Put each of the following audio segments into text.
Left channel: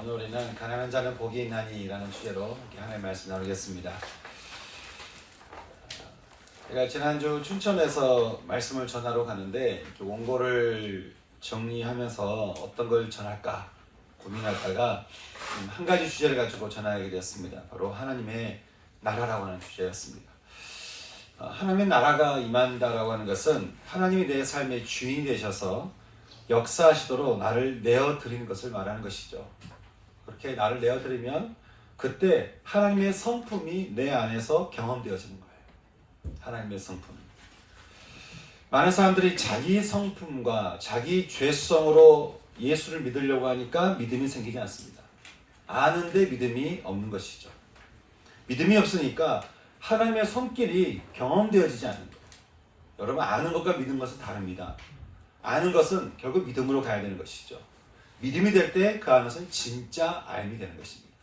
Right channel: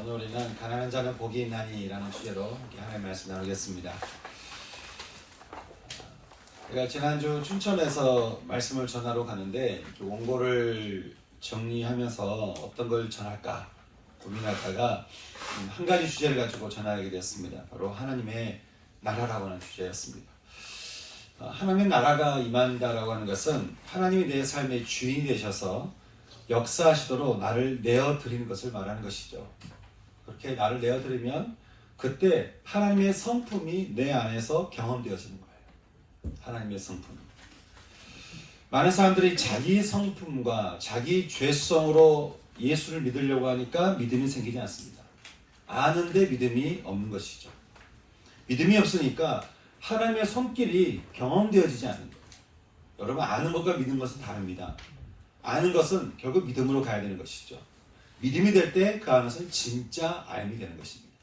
오늘 우리는 가난한 자는 복이 있나니라는 주제로 하나님의 말씀 나누겠습니다. 제가 지난주 춘천에서 말씀을 전하러 가는데 원고를 정리하면서 어떤 걸 전할까 고민하다가 한 가지 주제를 가지고 전하게 되었습니다. 바로 하나님의 나라라고 하는 주제였습니다. 하나님의 나라가 임한다라고 하는 것은 하나님이 내 삶의 주인이 되셔서 역사하시도록 나를 내어드리는 것을 말하는 것이죠. 그렇게 나를 내어드리면 그때 하나님의 성품이 내 안에서 경험되어지는 거예요. 하나님의 성품. 많은 사람들이 자기 성품과 자기 죄성으로 예수를 믿으려고 하니까 믿음이 생기지 않습니다. 아는데 믿음이 없는 것이죠. 믿음이 없으니까 하나님의 손길이 경험되어지지 않는 거예요. 여러분, 아는 것과 믿는 것은 다릅니다. 아는 것은 결국 믿음으로 가야 되는 것이죠. 믿음이 될 때 그 안에서는 진짜 알미 되는 것입니다.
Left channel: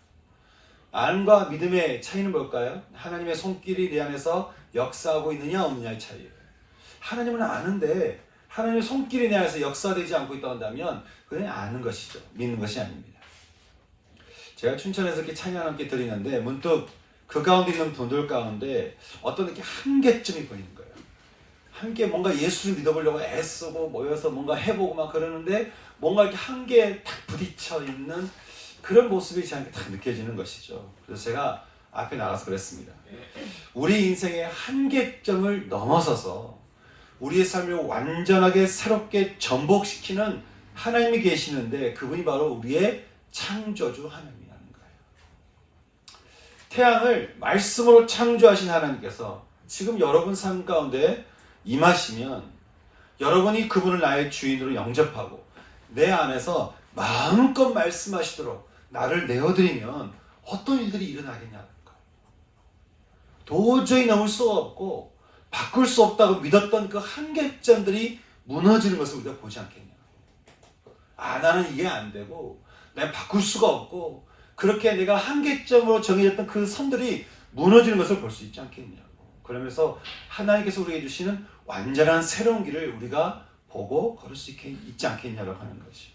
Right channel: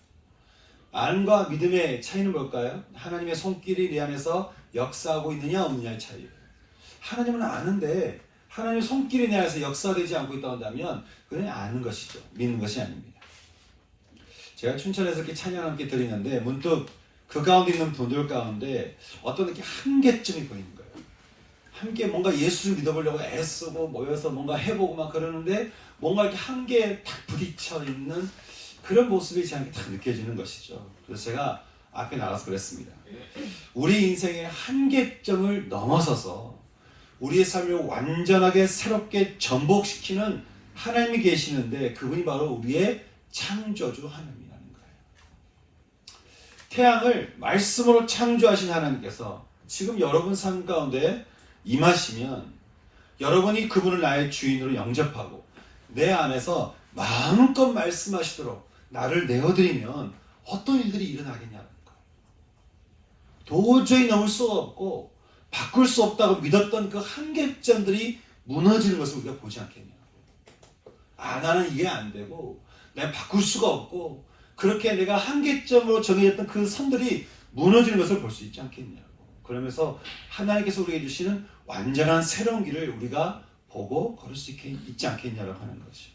안과 믿음의 차이는 뭘까요? 하나님의 손길이 내 안에서 역사하고 있느냐 없느냐의 차이예요. 하나님은 아는데 하나님의 손길이 내 안에서 역사되지 않고 있다고 한다면 그냥 아는 것이죠. 믿는 것이 아닙니다. 제가 춘천에서 이렇게 찬양을 함께 드리는데 문득 그 가운데 있는 분들 가운데 어떤 이렇게 한계점이 보이는 거예요. 함께 뭔가 예수를 믿어보려고 애쓰고 모여서 뭔가 해보고 막 그러는데 뭔가 이렇게 한계에 딱 부딪혀 있는 그런 모습이 저한테 딱 느껴지는 것이죠. 그래서 제가 앞에 나가서 그랬습니다. 우리 인생의 한계점을 넘어서서 우리의 삶을 완전하게 새롭게 전복시키는 하나님이 계시는데 그분이 바로 우리의 창조주 하나님이라는 거예요. 태양을 말씀으로 창조하신 하나님께서 지금 여러분 삶 가운데 임하시면 여러분이 그분을 나의 주인으로 영접하고 내 안에서 마음껏 말씀하시도록 나를 내어드리면 어떤 일들이 일어나겠냐는 거예요. 도저히 넘을 수가 없고 바꿀 수 없다고 믿었던 그 한계점들이 무너지는 것을 우리가 보지 않겠냐고. 나는 이게 안 되고 내가 바꿀 수가 없고 그렇게 내가 한계점으로 정해졌던 그 선들이 무너지는 것을 볼 수 있지 않겠냐고. 그러면서 하나님께서 우리에게 주시는 완전한 새로운 길을 우리가 보고 걸을 수 있지 않겠냐고 하는 거지.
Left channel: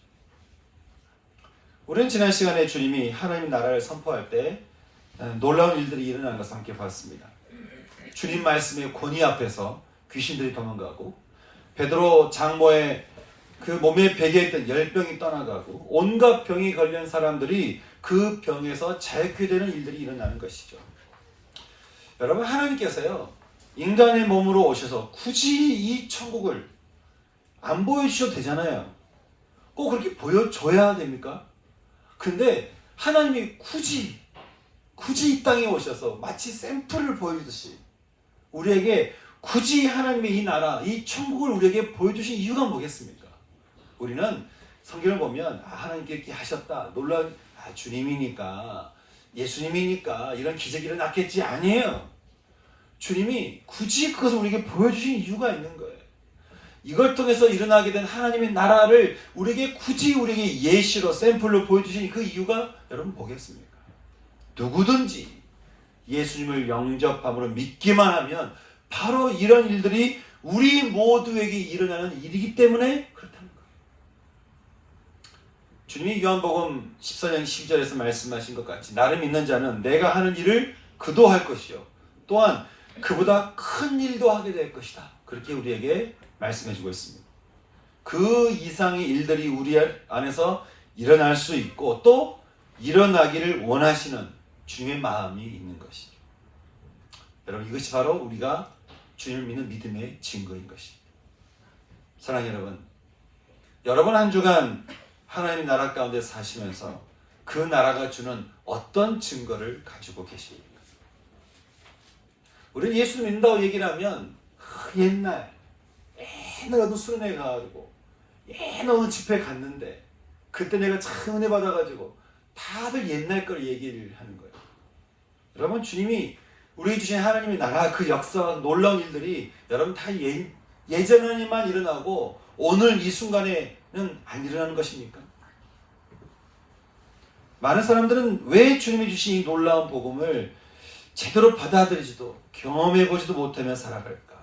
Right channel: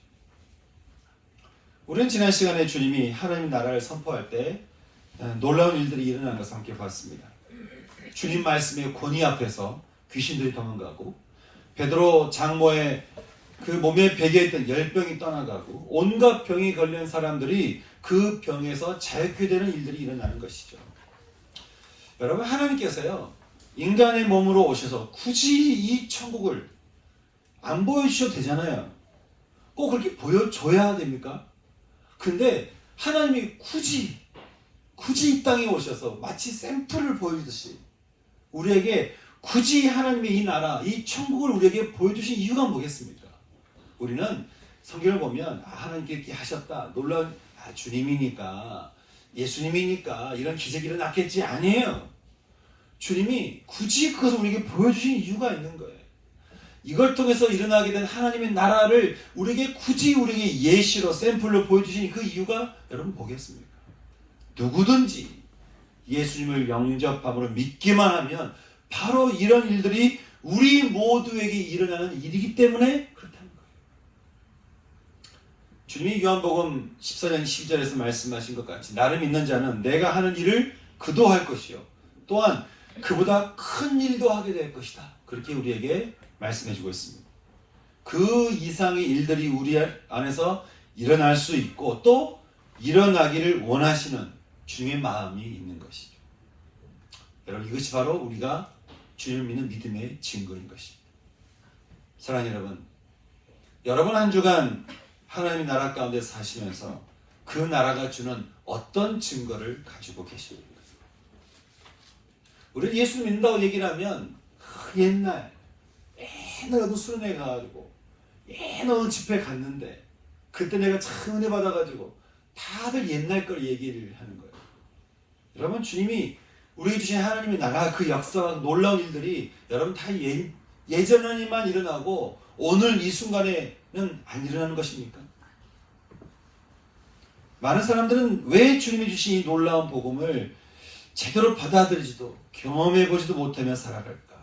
우리는 지난 시간에 주님이 하나님 나라를 선포할 때 놀라운 일들이 일어나는 것을 함께 봤습니다. 주님 말씀의 권위 앞에서 귀신들이 도망가고 베드로 장모의 그 몸에 베개 있던 열병이 떠나가고 온갖 병이 걸린 사람들이 그 병에서 자유케 되는 일들이 일어나는 것이죠. 여러분, 하나님께서요 인간의 몸으로 오셔서 굳이 이 천국을 안 보여주셔도 되잖아요. 꼭 그렇게 보여줘야 됩니까? 근데 하나님이 굳이 이 땅에 오셔서 마치 샘플을 보여주듯이 우리에게 굳이 하나님의 이 나라, 이 천국을 우리에게 보여주신 이유가 뭐겠습니까? 우리는 성경을 보면 하나님께 이렇게 하셨다, 놀라운 주님이니까, 예수님이니까 이런 기적이 일어났겠지. 아니에요. 주님이 굳이 그것을 우리에게 보여주신 이유가 있는 거예요. 이걸 통해서 일어나게 된 하나님의 나라를 굳이 우리에게 예시로 샘플로 보여주신 그 이유가 여러분 뭐겠습니까? 누구든지 예수님을 영접함으로 믿기만 하면 바로 이런 일들이 우리 모두에게 일어나는 일이기 때문에 그렇다는 거예요. 주님이 요한복음 14장 12절에서 말씀하신 것 같이 나를 믿는 자는 내가 하는 일을 그도 할 것이요 또한 그보다 큰 일도 하게 될 것이다. 그렇게 우리에게 말씀해주고 있습니다. 그 이상의 일들이 우리 안에서 일어날 수 있고 또 일어나기를 원하시는 주님의 마음이 있는 것이죠. 여러분, 이것이 바로 우리가 주님을 믿는 믿음의 증거인 것입니다. 사랑하는 여러분 한 주간 하나님의 나라 가운데 사시면서 그 나라가 주는 어떤 증거를 가지고 계십니까? 우리 예수 믿는다고 얘기를 하면 옛날 어느 수련회 가가지고 어느 집회 갔는데 그때 내가 참 은혜 받아가지고 다들 옛날 걸 얘기를 하는 거예요. 여러분, 주님이 우리에게 주신 하나님의 나라 그 역사와 놀라운 일들이 여러분 다 예전에만 일어나고 오늘 이 순간에는 안 일어나는 것입니까? 많은 사람들은 왜 주님이 주신 이 놀라운 복음을 제대로 받아들이지도 경험해보지도 못하며 살아갈까?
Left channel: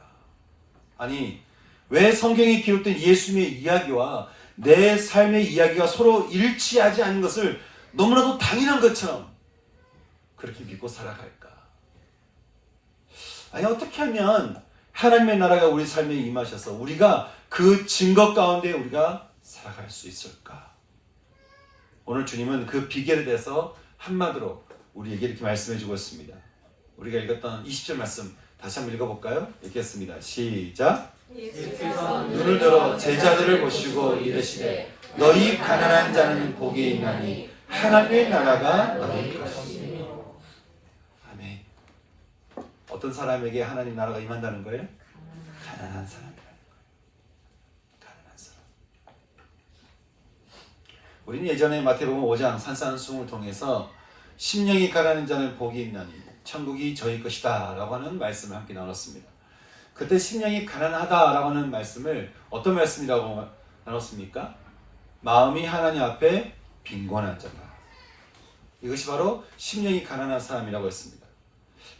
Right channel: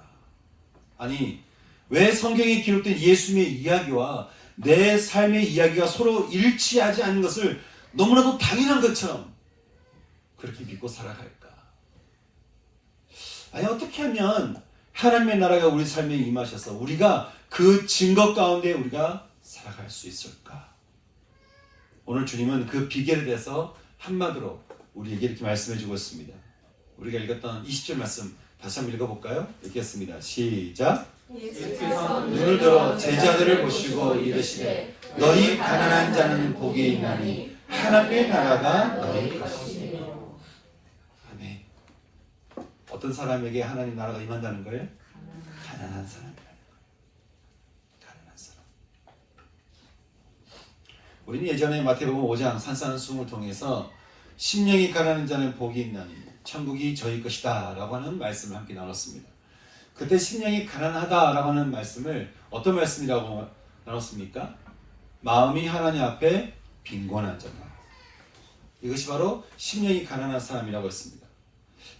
아니, 왜 성경에 기록된 예수님의 이야기와 내 삶의 이야기가 서로 일치하지 않는 것을 너무나도 당연한 것처럼 그렇게 믿고 살아갈까? 아니, 어떻게 하면 하나님의 나라가 우리 삶에 임하셔서 우리가 그 증거 가운데 우리가 살아갈 수 있을까? 오늘 주님은 그 비결에 대해서 한마디로 우리에게 이렇게 말씀해 주고 있습니다. 우리가 읽었던 20절 말씀 다시 한번 읽어볼까요? 읽겠습니다. 시작. 예수께서 눈을 들어 제자들을 보시고 이르시되 너희 가난한 자는 복이 있나니 하나님의 나라가 너희 것이며. 아멘. 어떤 사람에게 하나님 나라가 임한다는 거예요? 가난한 사람이라는 거예요. 가난한 사람. 우리는 예전에 마태복음 5장 산산수훈을 통해서 심령이 가난한 자는 복이 있나니 천국이 저희 것이다 라고 하는 말씀을 함께 나눴습니다. 그때 심령이 가난하다 라고 하는 말씀을 어떤 말씀이라고 나눴습니까? 마음이 하나님 앞에 빈곤한 자다. 이것이 바로 심령이 가난한 사람이라고 했습니다.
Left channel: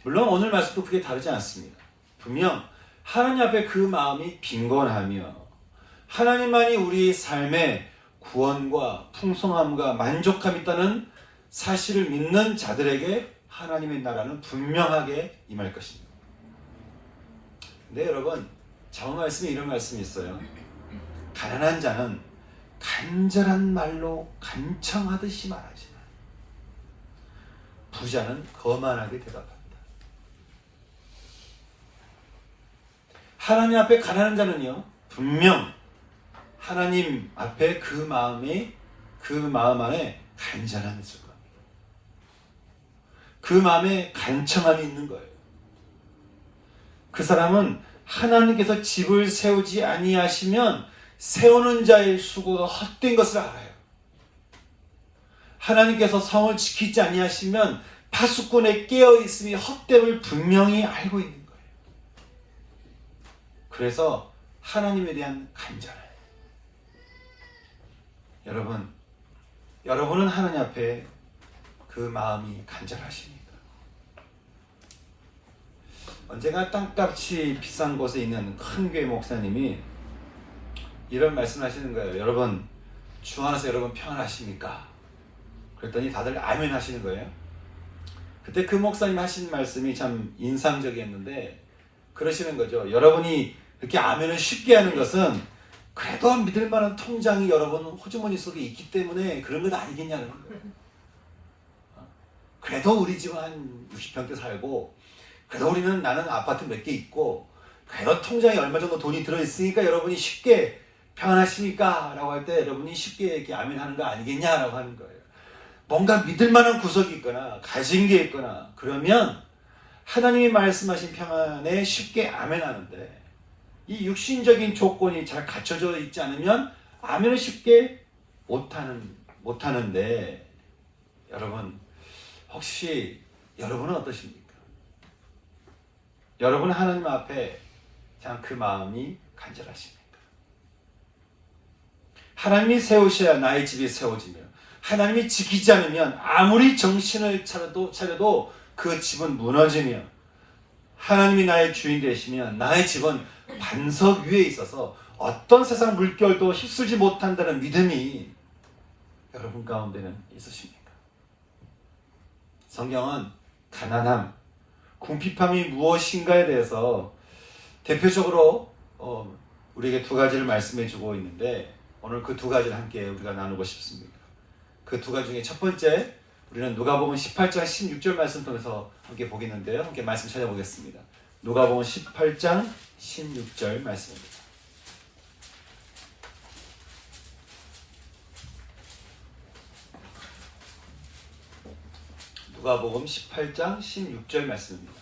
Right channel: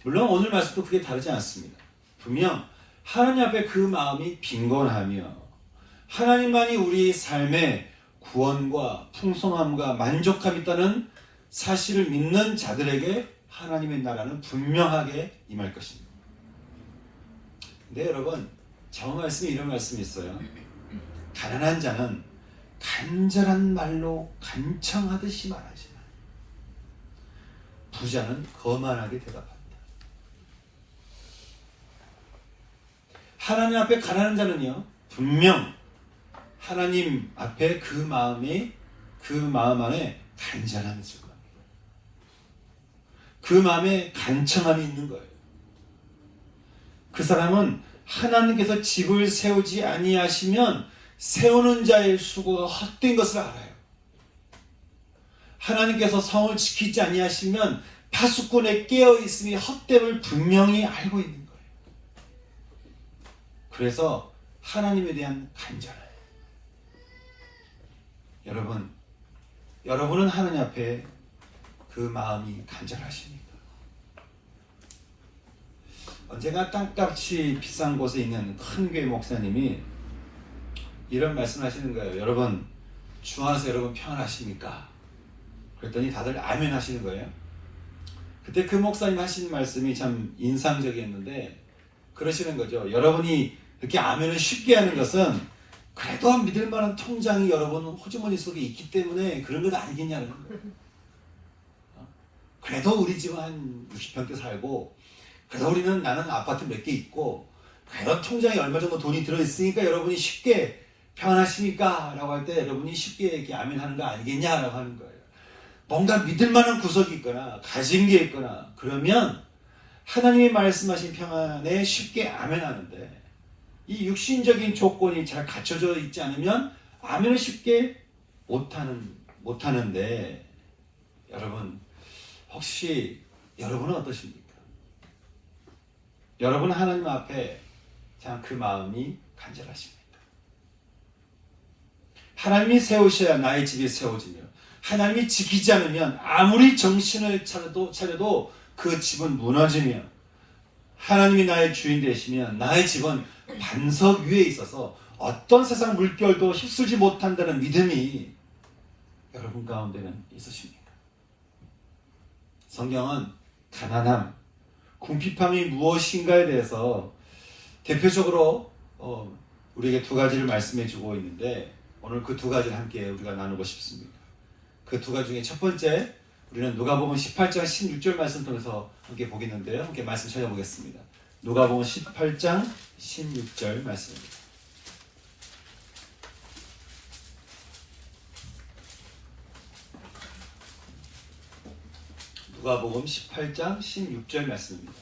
물론 오늘 말씀도 크게 다르지 않습니다. 분명 하나님 앞에 그 마음이 빈곤하며 하나님만이 우리의 삶에 구원과 풍성함과 만족함이 있다는 사실을 믿는 자들에게 하나님의 나라는 분명하게 임할 것입니다. 근데 여러분, 저 말씀에 이런 말씀이 있어요. 가난한 자는 간절한 말로 간청하듯이 말하지만 부자는 거만하게 대답한다. 하나님 앞에 가난한 자는요, 분명 하나님 앞에 그 마음 안에 간절함이 있을 겁니다. 그 마음에 간청함이 있는 거예요. 그 사람은 하나님께서 집을 세우지 아니하시면 세우는 자의 수고가 헛된 것을 알아요. 하나님께서 성을 지키지 아니하시면 파수꾼에 깨어 있음이 헛됨을 분명히 알고 있는 거예요. 그래서 하나님에 대한 간절함. 여러분은 하나님 앞에 그 마음이 간절하십니까? 언제가 땅값이 비싼 곳에 있는 큰 교회 목사님이 이런 말씀 하시는 거예요. 여러분, 주 안에서 여러분 평안하십니까? 그랬더니 다들 아멘 하시는 거예요. 그때 그 목사님 하신 말씀이 참 인상적이었는데 그러시는 거죠. 여러분이 그렇게 아멘을 쉽게 하는 것은 그래도 믿을 만한 통장이 여러분 호주머니 속에 있기 때문에 그런 건 아니겠냐는 거예요. 그래도 우리 집은 한 60평대 살고 그래도 나는 아파트 몇 개 있고 그래도 통장에 얼마 정도 돈이 들어있으니까 여러분이 쉽게 평안하십니까? 라고 할 때 여러분이 쉽게 이렇게 아멘 하는 거 아니겠냐라고 하는 거예요. 뭔가 믿을 만한 구석이 있거나 가진 게 있거나 그러면 하나님이 말씀하신 평안에 쉽게 아멘 하는데 이 육신적인 조건이 잘 갖춰져 있지 않으면 아멘을 쉽게 못하는데 여러분, 혹시 여러분은 어떠십니까? 여러분 하나님 앞에 참 그 마음이 간절하십니까? 하나님이 세우셔야 나의 집이 세워지며 하나님이 지키지 않으면 아무리 정신을 차려도 그 집은 무너지며 하나님이 나의 주인 되시면 나의 집은 반석 위에 있어서 어떤 세상 물결도 휩쓸지 못한다는 믿음이 여러분 가운데는 있으십니까? 성경은 가난함, 궁핍함이 무엇인가에 대해서 대표적으로 우리에게 두 가지를 말씀해 주고 있는데 오늘 그 두 가지를 함께 우리가 나누고 싶습니다. 그 두 가지 중에 첫 번째 우리는 누가복음 18장 16절 말씀 통해서 함께 보겠는데요. 함께 말씀 찾아보겠습니다. 누가복음 18장 16절 말씀입니다. 누가복음 18장 16절 말씀입니다.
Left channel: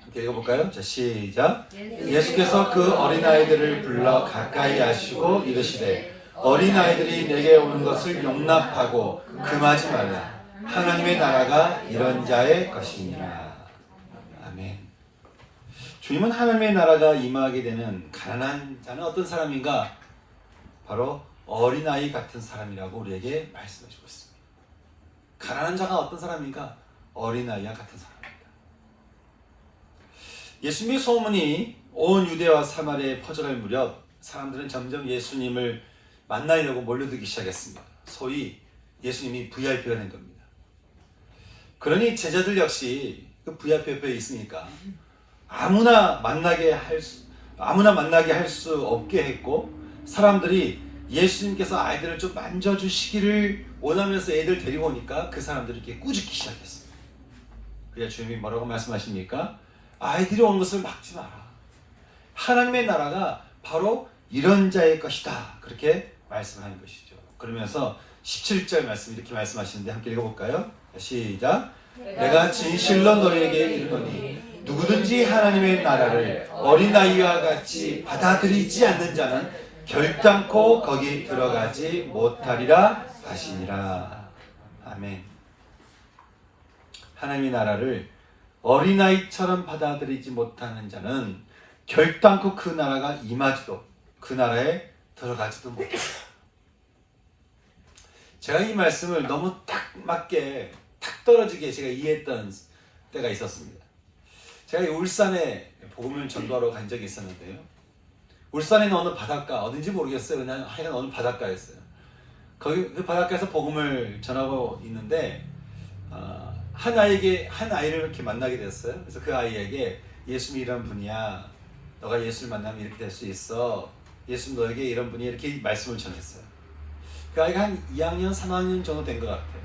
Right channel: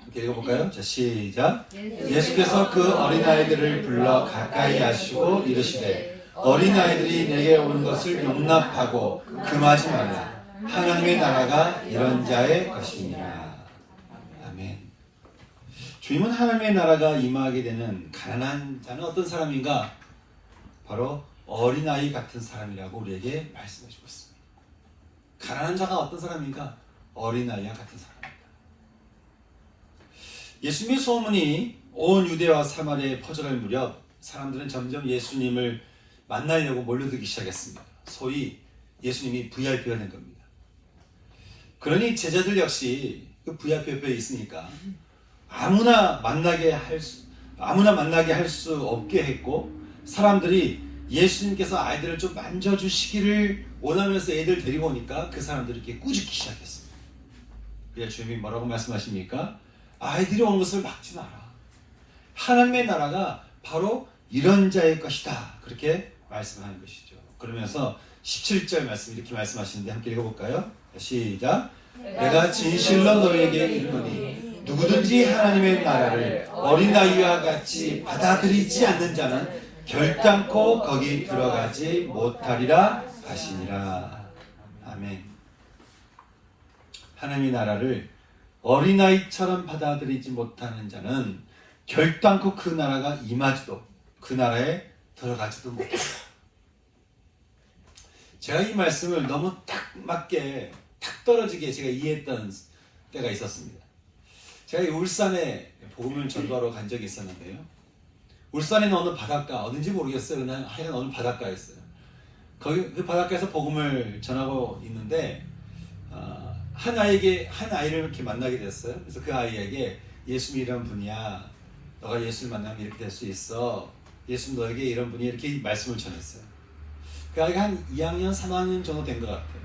함께 읽어볼까요? 자, 시작. 예수께서 그 어린아이들을 불러 가까이 하시고 이르시되 어린아이들이 내게 오는 것을 용납하고 금하지 말라. 하나님의 나라가 이런 자의 것이니라. 아멘. 주님은 하나님의 나라가 임하게 되면 가난한 자는 어떤 사람인가? 바로 어린아이 같은 사람이라고 우리에게 말씀해주고 있습니다. 가난한 자가 어떤 사람인가? 어린아이와 같은 사람입니다. 예수님의 소문이 온 유대와 사마리아에 퍼져갈 무렵 사람들은 점점 예수님을 만나려고 몰려들기 시작했습니다. 소위 예수님이 VIP가 된 겁니다. 그러니 제자들 역시 그 VIP 옆에 있으니까 아무나 만나게 할 수 없게 했고, 사람들이 예수님께서 아이들을 좀 만져주시기를 원하면서 애들 데리고 오니까 그 사람들이 이렇게 꾸짖기 시작했습니다. 그래서 주님이 뭐라고 말씀하십니까? 아이들이 온 것을 막지 마라. 하나님의 나라가 바로 이런 자의 것이다. 그렇게 말씀하는 것이죠. 그러면서 17절 말씀 이렇게 말씀하시는데 함께 읽어볼까요? 시작. 내가 진실로 너희에게 이르노니 누구든지 하나님의 나라를 어린아이와 같이 받아들이지 않는 자는 결단코 거기 들어가지 못하리라 하시니라. 아멘. 하나님의 나라를 어린아이처럼 받아들이지 못하는 자는 결단코 그 나라가 임하지도, 그 나라에 들어가지도 못한다. 제가 이 말씀을 너무 딱 맞게, 탁 떨어지게 제가 이해했던 때가 있었습니다. 제가 울산에 복음을 전도하러 간 적이 있었는데요. 울산에 있는 어느 바닷가, 어딘지 모르겠어요. 그냥 하여간 어느 바닷가였어요. 거기 그 바닷가에서 복음을 전하고 있는데 한 아이를 이렇게 만나게 됐어요. 그래서 그 아이에게 예수님이란 분이야. 너가 예수를 만나면 이렇게 될 수 있어. 예수님 너에게 이런 분이 이렇게 말씀을 전했어요. 그 아이가 한 2학년, 3학년 정도 된 것 같아요.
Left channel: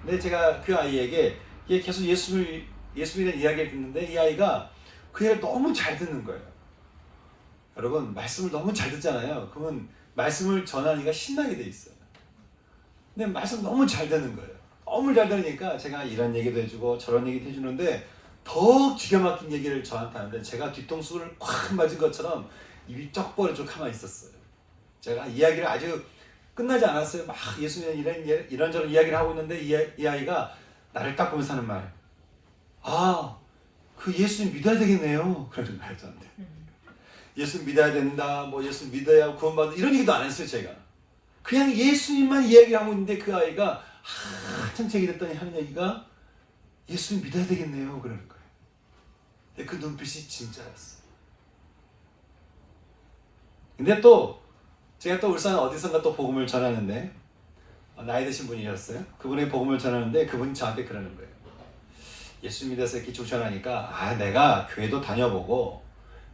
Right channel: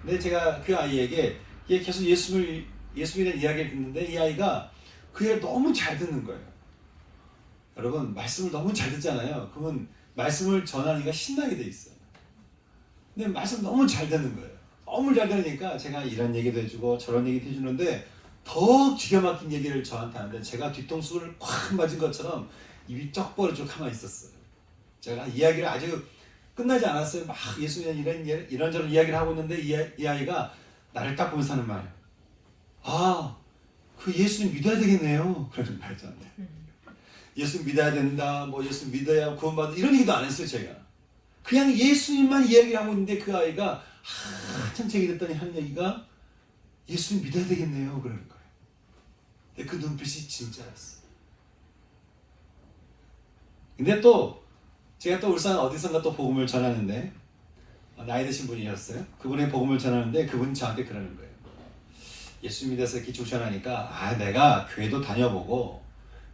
근데 제가 그 아이에게 계속 예수님에 대한 이야기를 듣는데 이 아이가 그 얘기를 너무 잘 듣는 거예요. 여러분, 말씀을 너무 잘 듣잖아요. 그러면 말씀을 전하니까 신나게 돼 있어요. 근데 말씀 너무 잘 듣는 거예요. 너무 잘 들으니까 제가 이런 얘기도 해주고 저런 얘기도 해주는데 더 기가 막힌 얘기를 저한테 하는데 제가 뒤통수를 콱 맞은 것처럼 입이 쩍 벌어져 가만히 있었어요. 제가 이야기를 아주 끝나지 않았어요. 막 예수님 이런저런 이야기를 하고 있는데 이 아이가 나를 딱 보면서 하는 말. 그 예수님 믿어야 되겠네요. 그런 말 저한테. 예수님 믿어야 된다. 뭐 예수님 믿어야 구원받는 이런 얘기도 안 했어요. 제가. 그냥 예수님만 이야기하고 있는데 그 아이가 한참 얘기 듣더니 하는 얘기가 예수님 믿어야 되겠네요. 그러는 거예요. 근데 그 눈빛이 진짜였어요. 근데 또 제가 또 울산 어디선가 또 복음을 전하는데 나이 드신 분이셨어요. 그분이 복음을 전하는데 그분이 저한테 그러는 거예요. 예수 믿어서 이렇게 조천하니까 내가 교회도 다녀보고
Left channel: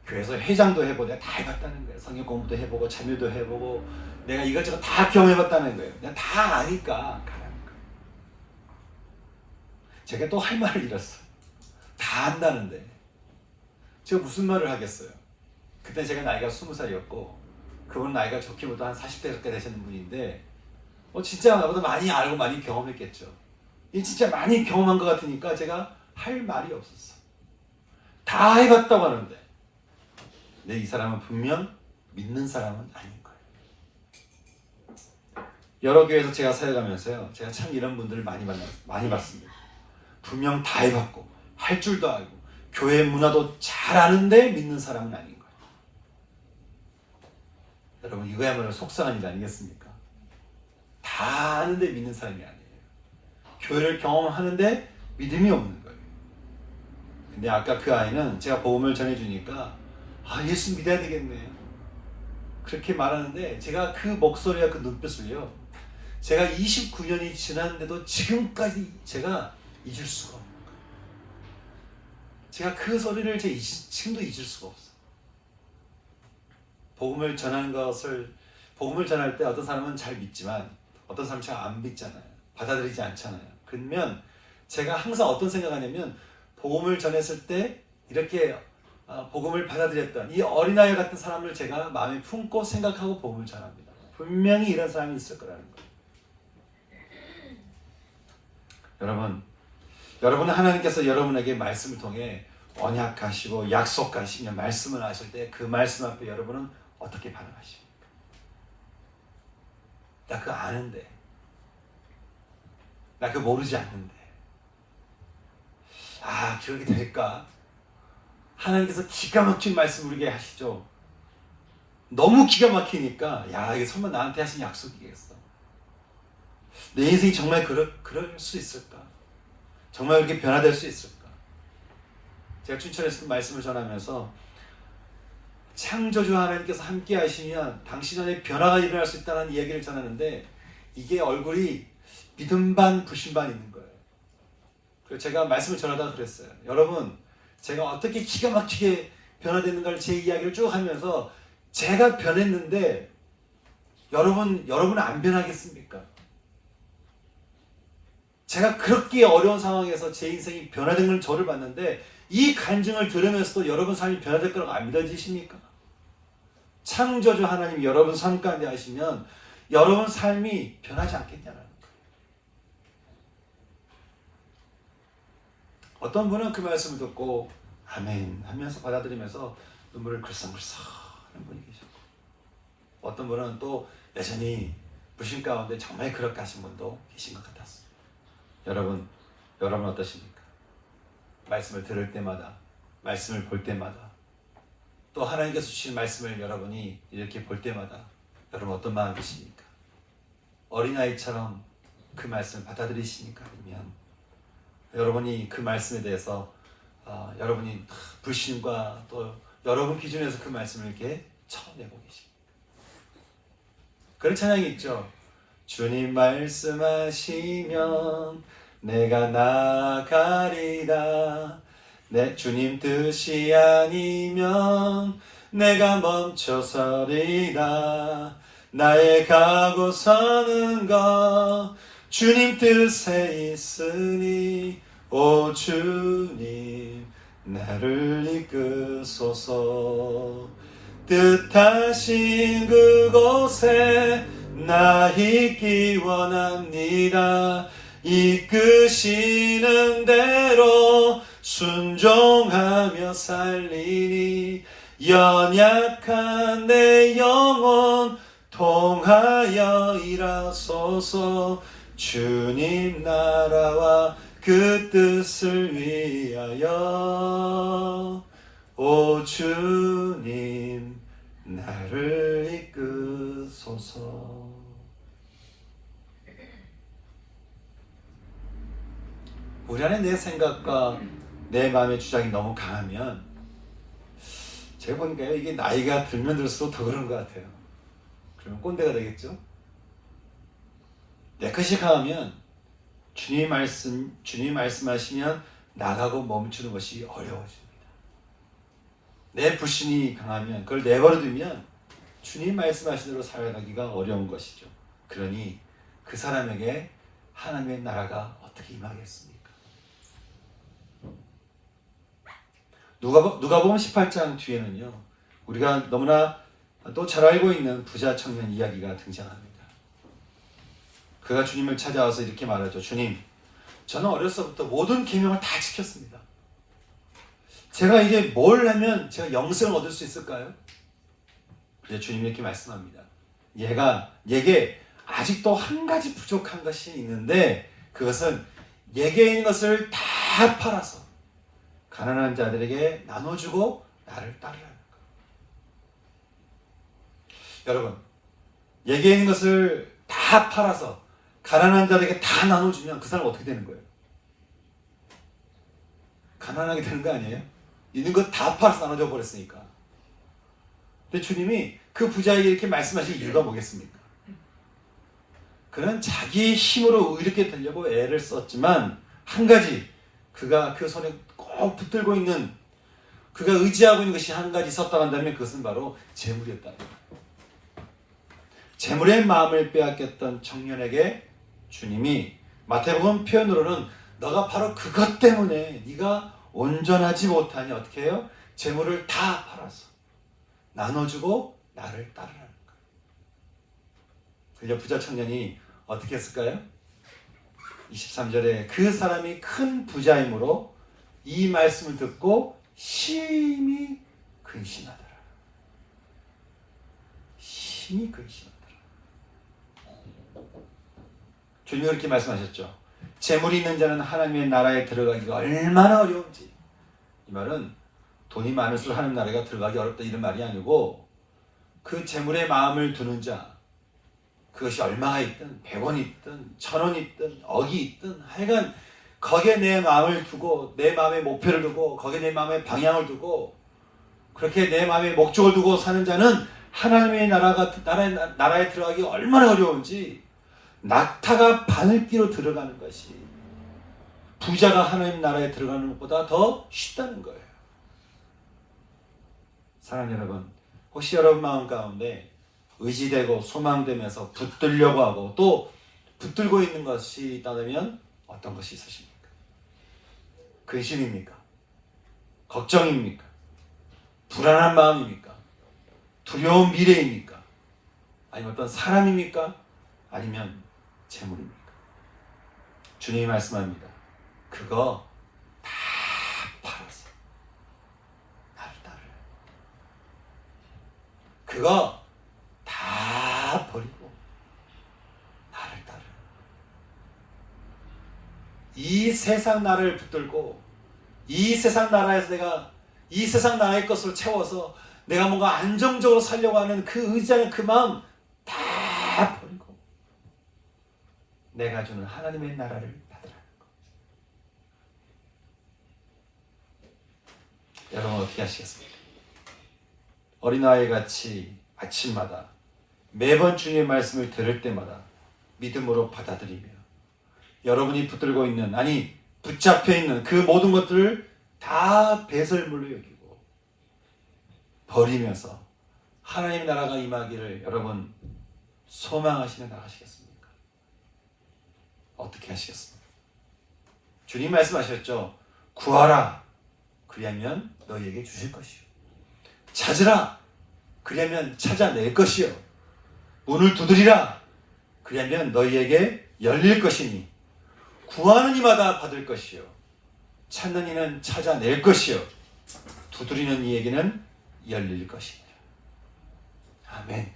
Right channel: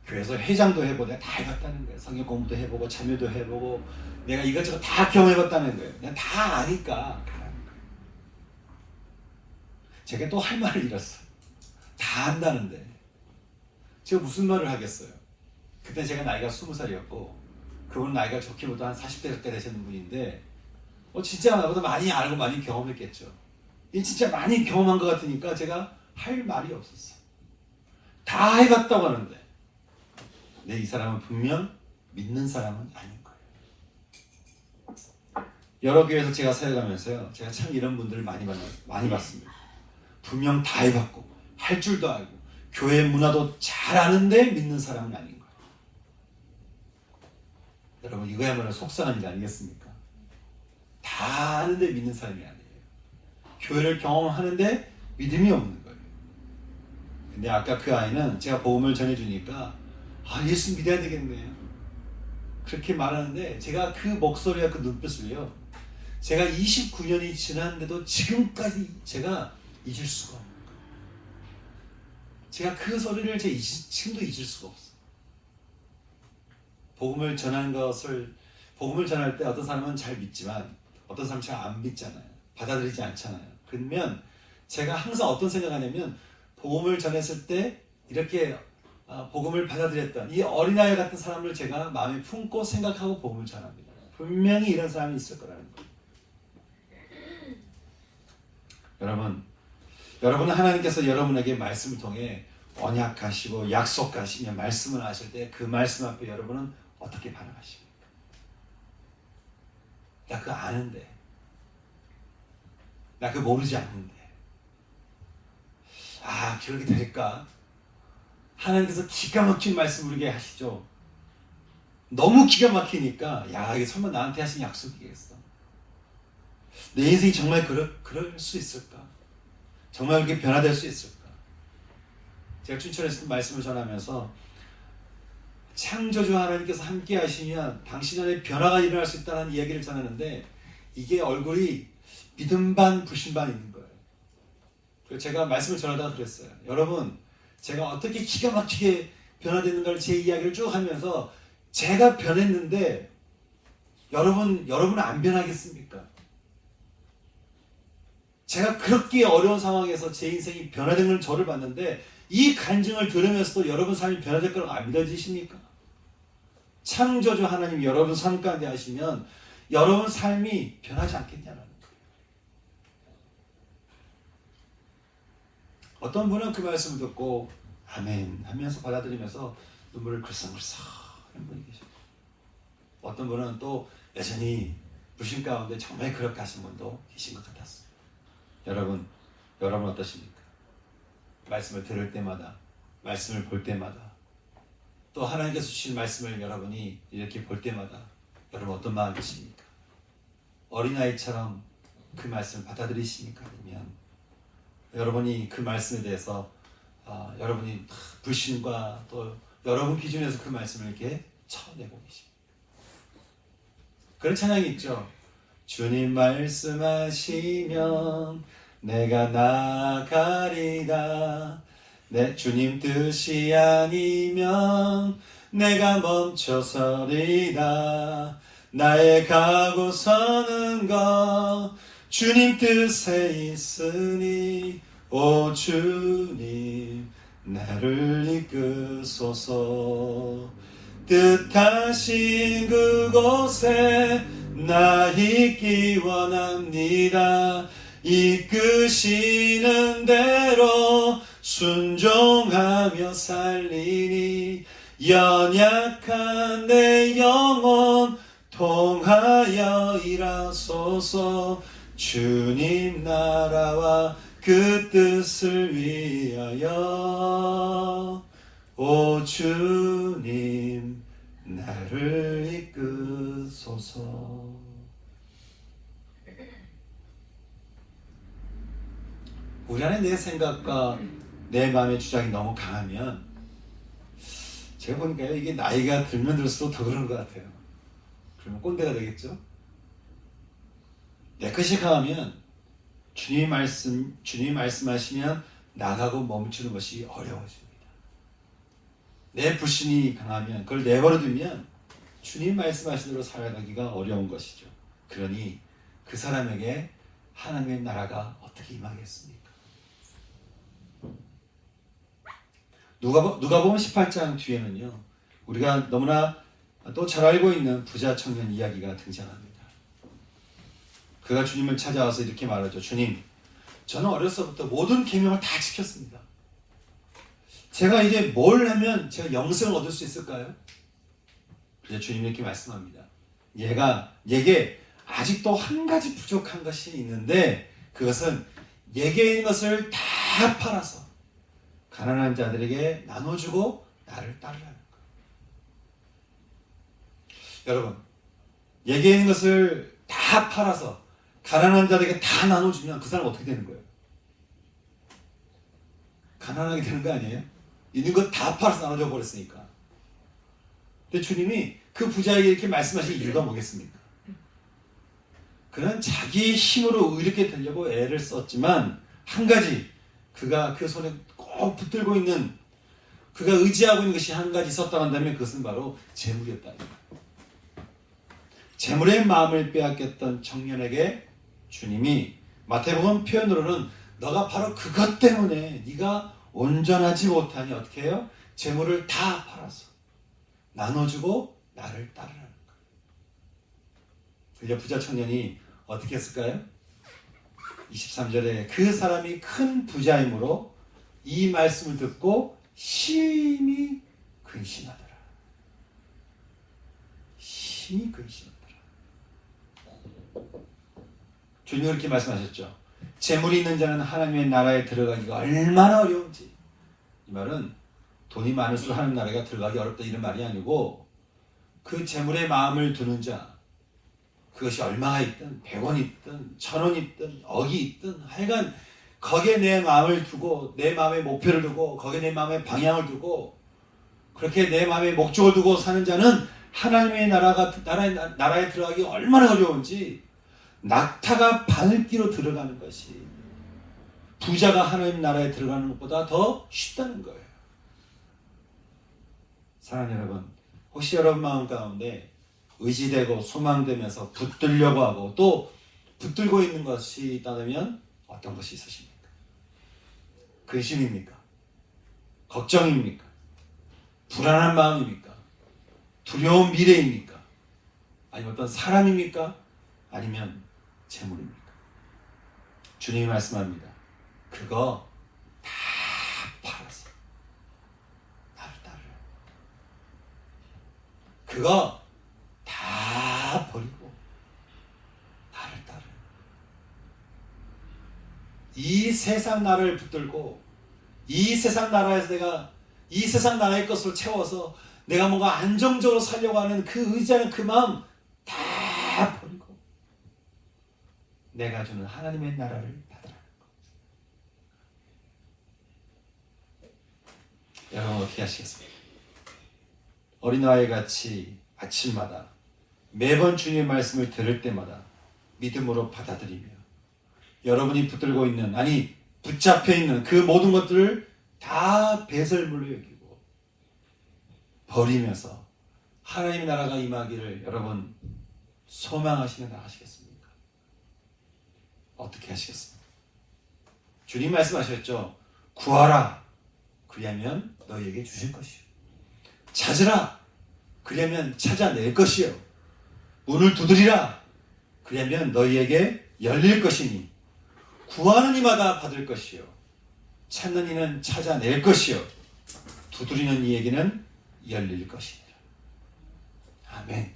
교회에서 회장도 해보고 내가 다 해봤다는 거예요. 성경 공부도 해보고 참여도 해보고 내가 이것저것 다 경험해봤다는 거예요. 그냥 다 아니까 가라는 거예요. 제가 또 할 말을 잃었어요. 다 안다는데 제가 무슨 말을 하겠어요. 그때 제가 나이가 20살이었고 그분 나이가 좋기보다 한 40대 가까이 되시는 분인데 진짜 나보다 많이 알고 많이 경험했겠죠. 진짜 많이 경험한 것 같으니까 제가 할 말이 없었어. 다 해봤다고 하는데 근데 이 사람은 분명 믿는 사람은 아닌 거예요. 여러 교회에서 제가 사역하면서요, 제가 참 이런 분들을 많이 봤습니다. 분명 다 해봤고 할 줄도 알고 교회 문화도 잘 아는데 믿는 사람은 아닌 거예요. 여러분, 이거야말로 속상한 일 아니겠습니까? 다 아는데 믿는 사람이 아니에요. 교회를 경험하는데 믿음이 없는 거예요. 근데 아까 그 아이는 제가 복음을 전해주니까 예수 믿어야 되겠네요. 그렇게 말하는데 제가 그 목소리와 그 눈빛을요, 제가 29년이 지났는데도 지금까지 제가 잊을 수가 없는 거예요. 제가 그 소리를 지금도 잊을 수가 없어요. 복음을 전할 때 어떤 사람은 잘 믿지만 어떤 사람은 잘 안 믿잖아요. 받아들이지 않잖아요. 그러면 제가 항상 어떤 생각하냐면 복음을 전했을 때 이렇게 복음을 받아들였던 이 어린아이 같은 사람을 제가 마음에 품고 생각하고 복음을 전합니다. 분명히 이런 사람이 있을 거라는 거예요. 여러분은 하나님께서 여러분에게 말씀을 통해 언약하시고 약속하시며 말씀을 하실 때 그 말씀 앞에 여러분은 어떻게 반응하십니까? 나 그거 아는데, 나 그거 모르지 않는데, 그렇게 될까? 하나님께서 기가 막힌 말씀 우리에게 하시죠. 너무 기가 막히니까 이게 설마 나한테 하신 약속이겠어? 내 인생이 정말 그럴 수 있을까? 정말 이렇게 변화될 수 있을까? 제가 춘천에서 말씀을 전하면서 창조주 하나님께서 함께 하시면 당신 안에 변화가 일어날 수 있다는 이야기를 전하는데 이게 얼굴이 믿음 반 불신 반 있는 거예요. 그래서 제가 말씀을 전하다가 그랬어요. 여러분, 제가 어떻게 기가 막히게 변화되는 걸 제 이야기를 쭉 하면서 제가 변했는데 여러분은 안 변하겠습니까? 제가 그렇게 어려운 상황에서 제 인생이 변화된 걸 저를 봤는데 이 간증을 들으면서도 여러분 삶이 변화될 거라고 안 믿어지십니까? 창조주 하나님 여러분 삶 가운데 하시면 여러분 삶이 변하지 않겠냐는 거예요. 어떤 분은 그 말씀을 듣고 아멘 하면서 받아들이면서 눈물을 글썽글썽 하는 분이 계시고 어떤 분은 또 여전히 불신 가운데 정말 그렇게 하신 분도 계신 것 같았어요. 여러분 어떠십니까? 말씀을 들을 때마다 말씀을 볼 때마다 또 하나님께서 주신 말씀을 여러분이 이렇게 볼 때마다 여러분 어떤 마음이 드십니까? 어린아이처럼 그 말씀을 받아들이십니까? 아니면 여러분이 그 말씀에 대해서 여러분이 불신과 또 여러분 기준에서 그 말씀을 이렇게 쳐내고 계십니까? 그런 찬양이 있죠. 주님 말씀하시면 내가 나가리라. 내 주님 뜻이 아니면 내가 멈춰서리라. 나의 가고 서는 것 주님 뜻에 있으니 오 주님 나를 이끄소서. 뜻하신 그곳에 나 있기 원합니다. 이끄시는 대로 순종하며 살리니 연약한 내 영혼 통하여 일하소서. 주님 나라와 그 뜻을 위하여 오 주님 나를 이끄소서. 우리 안에 내 생각과 내 마음의 주장이 너무 강하면 제가 보니까요 이게 나이가 들면 들수록 더 그런 것 같아요. 그러면 꼰대가 되겠죠? 내 것이 강하면 주님이 말씀하시면 나가고 멈추는 것이 어려워집니다. 내 불신이 강하면 그걸 내버려두면 주님 말씀하신 대로 살아가기가 어려운 것이죠. 그러니 그 사람에게 하나님의 나라가 어떻게 임하겠습니까? 누가복음 18장 뒤에는요 우리가 너무나 또 잘 알고 있는 부자 청년 이야기가 등장합니다. 그가 주님을 찾아와서 이렇게 말하죠. 주님, 저는 어렸을 때부터 모든 계명을 다 지켰습니다. 제가 이제 뭘 하면 제가 영생을 얻을 수 있을까요? 그래서 주님이 이렇게 말씀합니다. 얘게 아직도 한 가지 부족한 것이 있는데 그것은 얘게 있는 것을 다 팔아서 가난한 자들에게 나눠주고 나를 따르라는 거예요. 여러분, 얘게 있는 것을 다 팔아서 가난한 자들에게 다 나눠주면 그 사람 어떻게 되는 거예요? 가난하게 되는 거 아니에요? 있는 것 다 팔아서 나눠줘 버렸으니까. 근데 주님이 그 부자에게 이렇게 말씀하실 이유가 뭐겠습니까? 그는 자기 힘으로 이렇게 되려고 애를 썼지만 한 가지 그가 그 손에 꼭 붙들고 있는 그가 의지하고 있는 것이 한 가지 있었다 한다면 그것은 바로 재물이었다. 재물의 마음을 빼앗겼던 청년에게 주님이 마태복음 표현으로는 너가 바로 그것 때문에 네가 온전하지 못하니 어떻게 해요? 재물을 다 팔아서 나눠주고 나를 따르라는 거예요. 그래서 부자 청년이 어떻게 했을까요? 23절에 그 사람이 큰 부자이므로 이 말씀을 듣고 심히 근심하더라. 심히 근심하더라. 주님이 그렇게 말씀하셨죠. 재물이 있는 자는 하나님의 나라에 들어가기가 얼마나 어려운지. 이 말은 돈이 많을수록 하나님 나라에 들어가기 어렵다 이런 말이 아니고 그 재물의 마음을 두는 자 그것이 얼마가 있든 100원이 있든 1000원이 있든 억이 있든 하여간 거기에 내 마음을 두고 내 마음의 목표를 두고 거기에 내 마음의 방향을 두고 그렇게 내 마음에 목적을 두고 사는 자는 하나님의 나라에 들어가기 얼마나 어려운지, 낙타가 바늘기로 들어가는 것이 부자가 하나님 나라에 들어가는 것보다 더 쉽다는 거예요. 사랑하는 여러분, 혹시 여러분 마음 가운데 의지되고 소망되면서 붙들려고 하고 또 붙들고 있는 것이 있다면 어떤 것이 있으십니까? 근심입니까? 걱정입니까? 불안한 마음입니까? 두려운 미래입니까? 아니면 어떤 사람입니까? 아니면 재물입니까? 주님이 말씀합니다. 그거 다 팔아서 나를 따르라. 그거 다 버리고 나를 따르라. 이 세상 나를 붙들고 이 세상 나라에서 내가 이 세상 나라의 것을 채워서 내가 뭔가 안정적으로 살려고 하는 그 의지하는 그 마음 다 버리고 내가 주는 하나님의 나라를 받으라는 것. 여러분 어떻게 하시겠습니까? 어린아이 같이 아침마다 매번 주님의 말씀을 들을 때마다 믿음으로 받아들이며 여러분이 붙들고 있는, 아니 붙잡혀 있는 그 모든 것들을 다 배설물로 여기고 버리면서 하나님의 나라가 임하기를 여러분 소망하시며 나가시겠습니까? 어떻게 하시겠습니까? 주님 말씀하셨죠. 구하라. 그리하면 너희에게 주실 것이요. 찾으라. 그리하면 찾아낼 것이요. 문을 두드리라. 그리하면 너희에게 열릴 것이니 구하는 이마다 받을 것이요. 찾는 이는 찾아낼 것이요. 두드리는 이에게는 열릴 것이다. 아멘.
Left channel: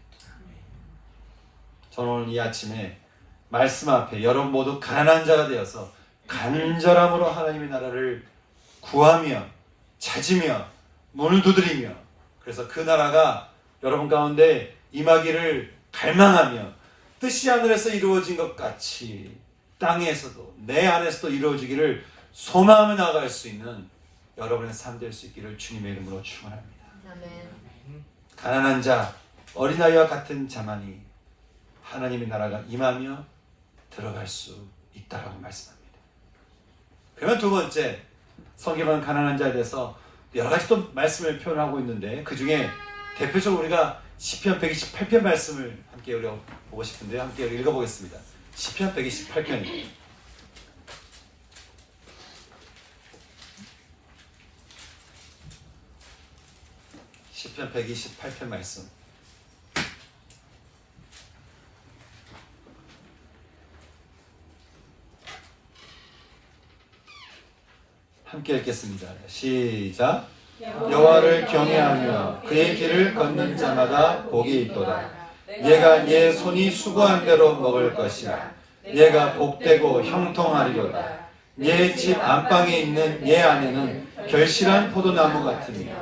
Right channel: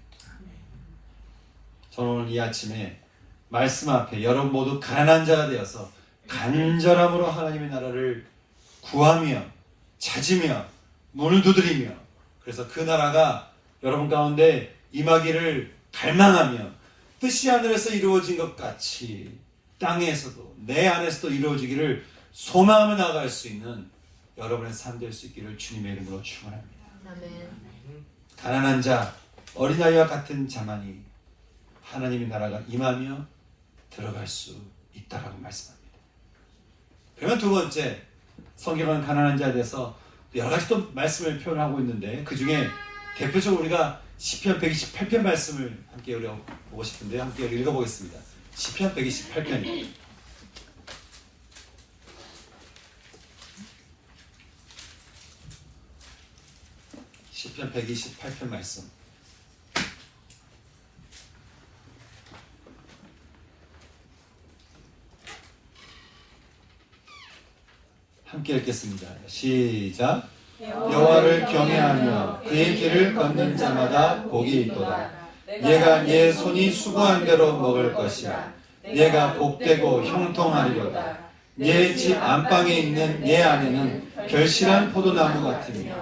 저는 오늘 이 아침에 말씀 앞에 여러분 모두 가난한 자가 되어서 간절함으로 하나님의 나라를 구하며 찾으며 문을 두드리며, 그래서 그 나라가 여러분 가운데 임하기를 갈망하며 뜻이 하늘에서 이루어진 것 같이 땅에서도 내 안에서도 이루어지기를 소망하며 나아갈 수 있는 여러분의 삶 될 수 있기를 주님의 이름으로 축원합니다. 아멘. 가난한 자, 어린아이와 같은 자만이 하나님의 나라가 임하며 들어갈 수 있다라고 말씀합니다. 그러면 두 번째, 성경은 가난한 자에 대해서 여러 가지 또 말씀을 표현하고 있는데 그 중에 대표적으로 우리가 시편 128편 말씀을 함께 우리가 보고 싶은데 함께 읽어보겠습니다. 시편 128편입니다. 시편 128편 말씀. 함께 읽겠습니다. 시작. 여호와를 경외하며 그의 길을 걷는 자마다 복이 있도다. 얘가 예 손이 수고한 대로 먹을 것이라. 얘가 복되고 형통하리로다. 예 집 안방에 있는 예 아내는 결실한 포도나무 같으며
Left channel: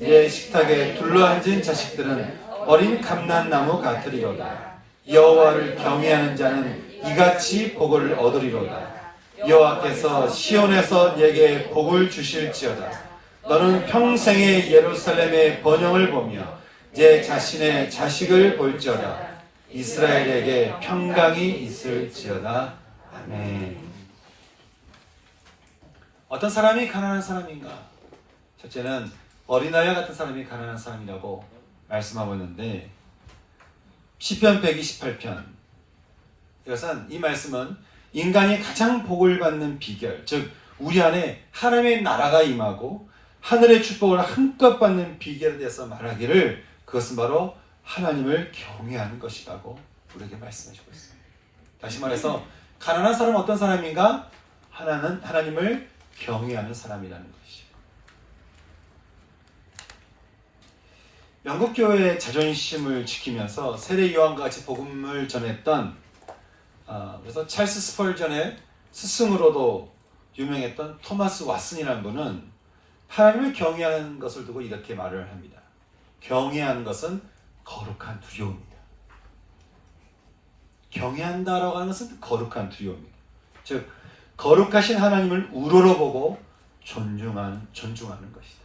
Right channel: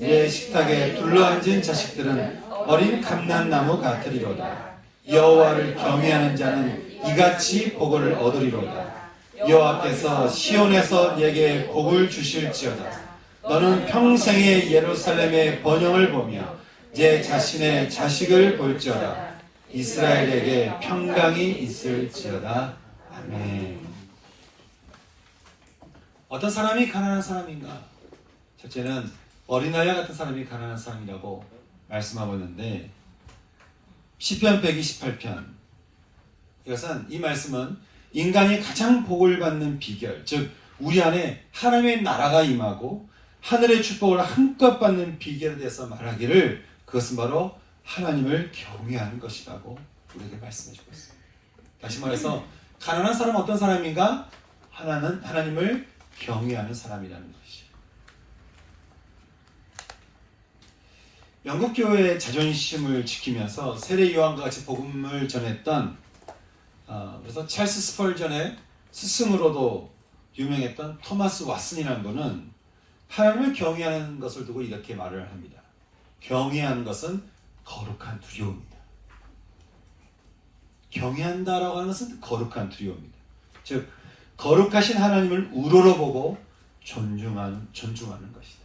예 식탁에 둘러앉은 자식들은 어린 감람나무 같으리로다. 여호와를 경외하는 자는 이같이 복을 얻으리로다. 여호와께서 시온에서 내게 복을 주실지어다. 너는 평생의 예루살렘의 번영을 보며 내 자신의 자식을 볼지어다. 이스라엘에게 평강이 있을지어다. 아멘. 어떤 사람이 가난한 사람인가? 첫째는 어린아이와 같은 사람이 가난한 사람이라고 말씀하고 있는데 시편 128편, 이것은 이 말씀은 인간이 가장 복을 받는 비결, 즉 우리 안에 하나님의 나라가 임하고 하늘의 축복을 한껏 받는 비결에 대해서 말하기를 그것은 바로 하나님을 경외하는 것이라고 우리에게 말씀해 주고 있습니다. 다시 말해서 가난한 사람은 어떤 사람인가? 하나님을 경외하는 사람이라는 것이죠. 영국 교회의 자존심을 지키면서 세례 요한과 같이 복음을 전했던 그래서 찰스 스펄전의 스승으로도 유명했던 토마스 왓슨이라는 분은 하나님을 경외하는 것을 두고 이렇게 말을 합니다. 경외하는 것은 거룩한 두려움이다. 경외한다라고 하는 것은 거룩한 두려움이다. 즉 거룩하신 하나님을 우러러보고 존중하는 것이다.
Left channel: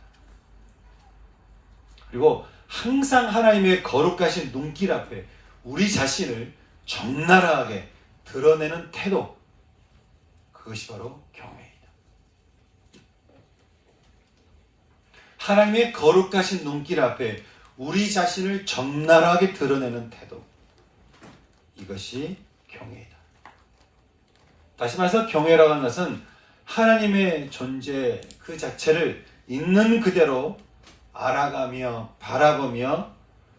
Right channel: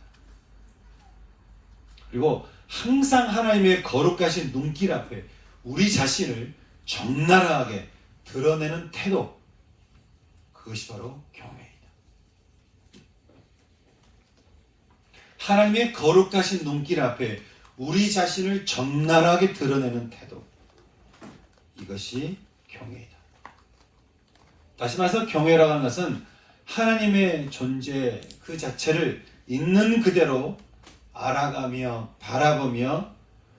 그리고 항상 하나님의 거룩하신 눈길 앞에 우리 자신을 적나라하게 드러내는 태도, 그것이 바로 경외이다. 하나님의 거룩하신 눈길 앞에 우리 자신을 적나라하게 드러내는 태도, 이것이 경외이다. 다시 말해서 경외라고 하는 것은 하나님의 존재 그 자체를 있는 그대로 알아가며 바라보며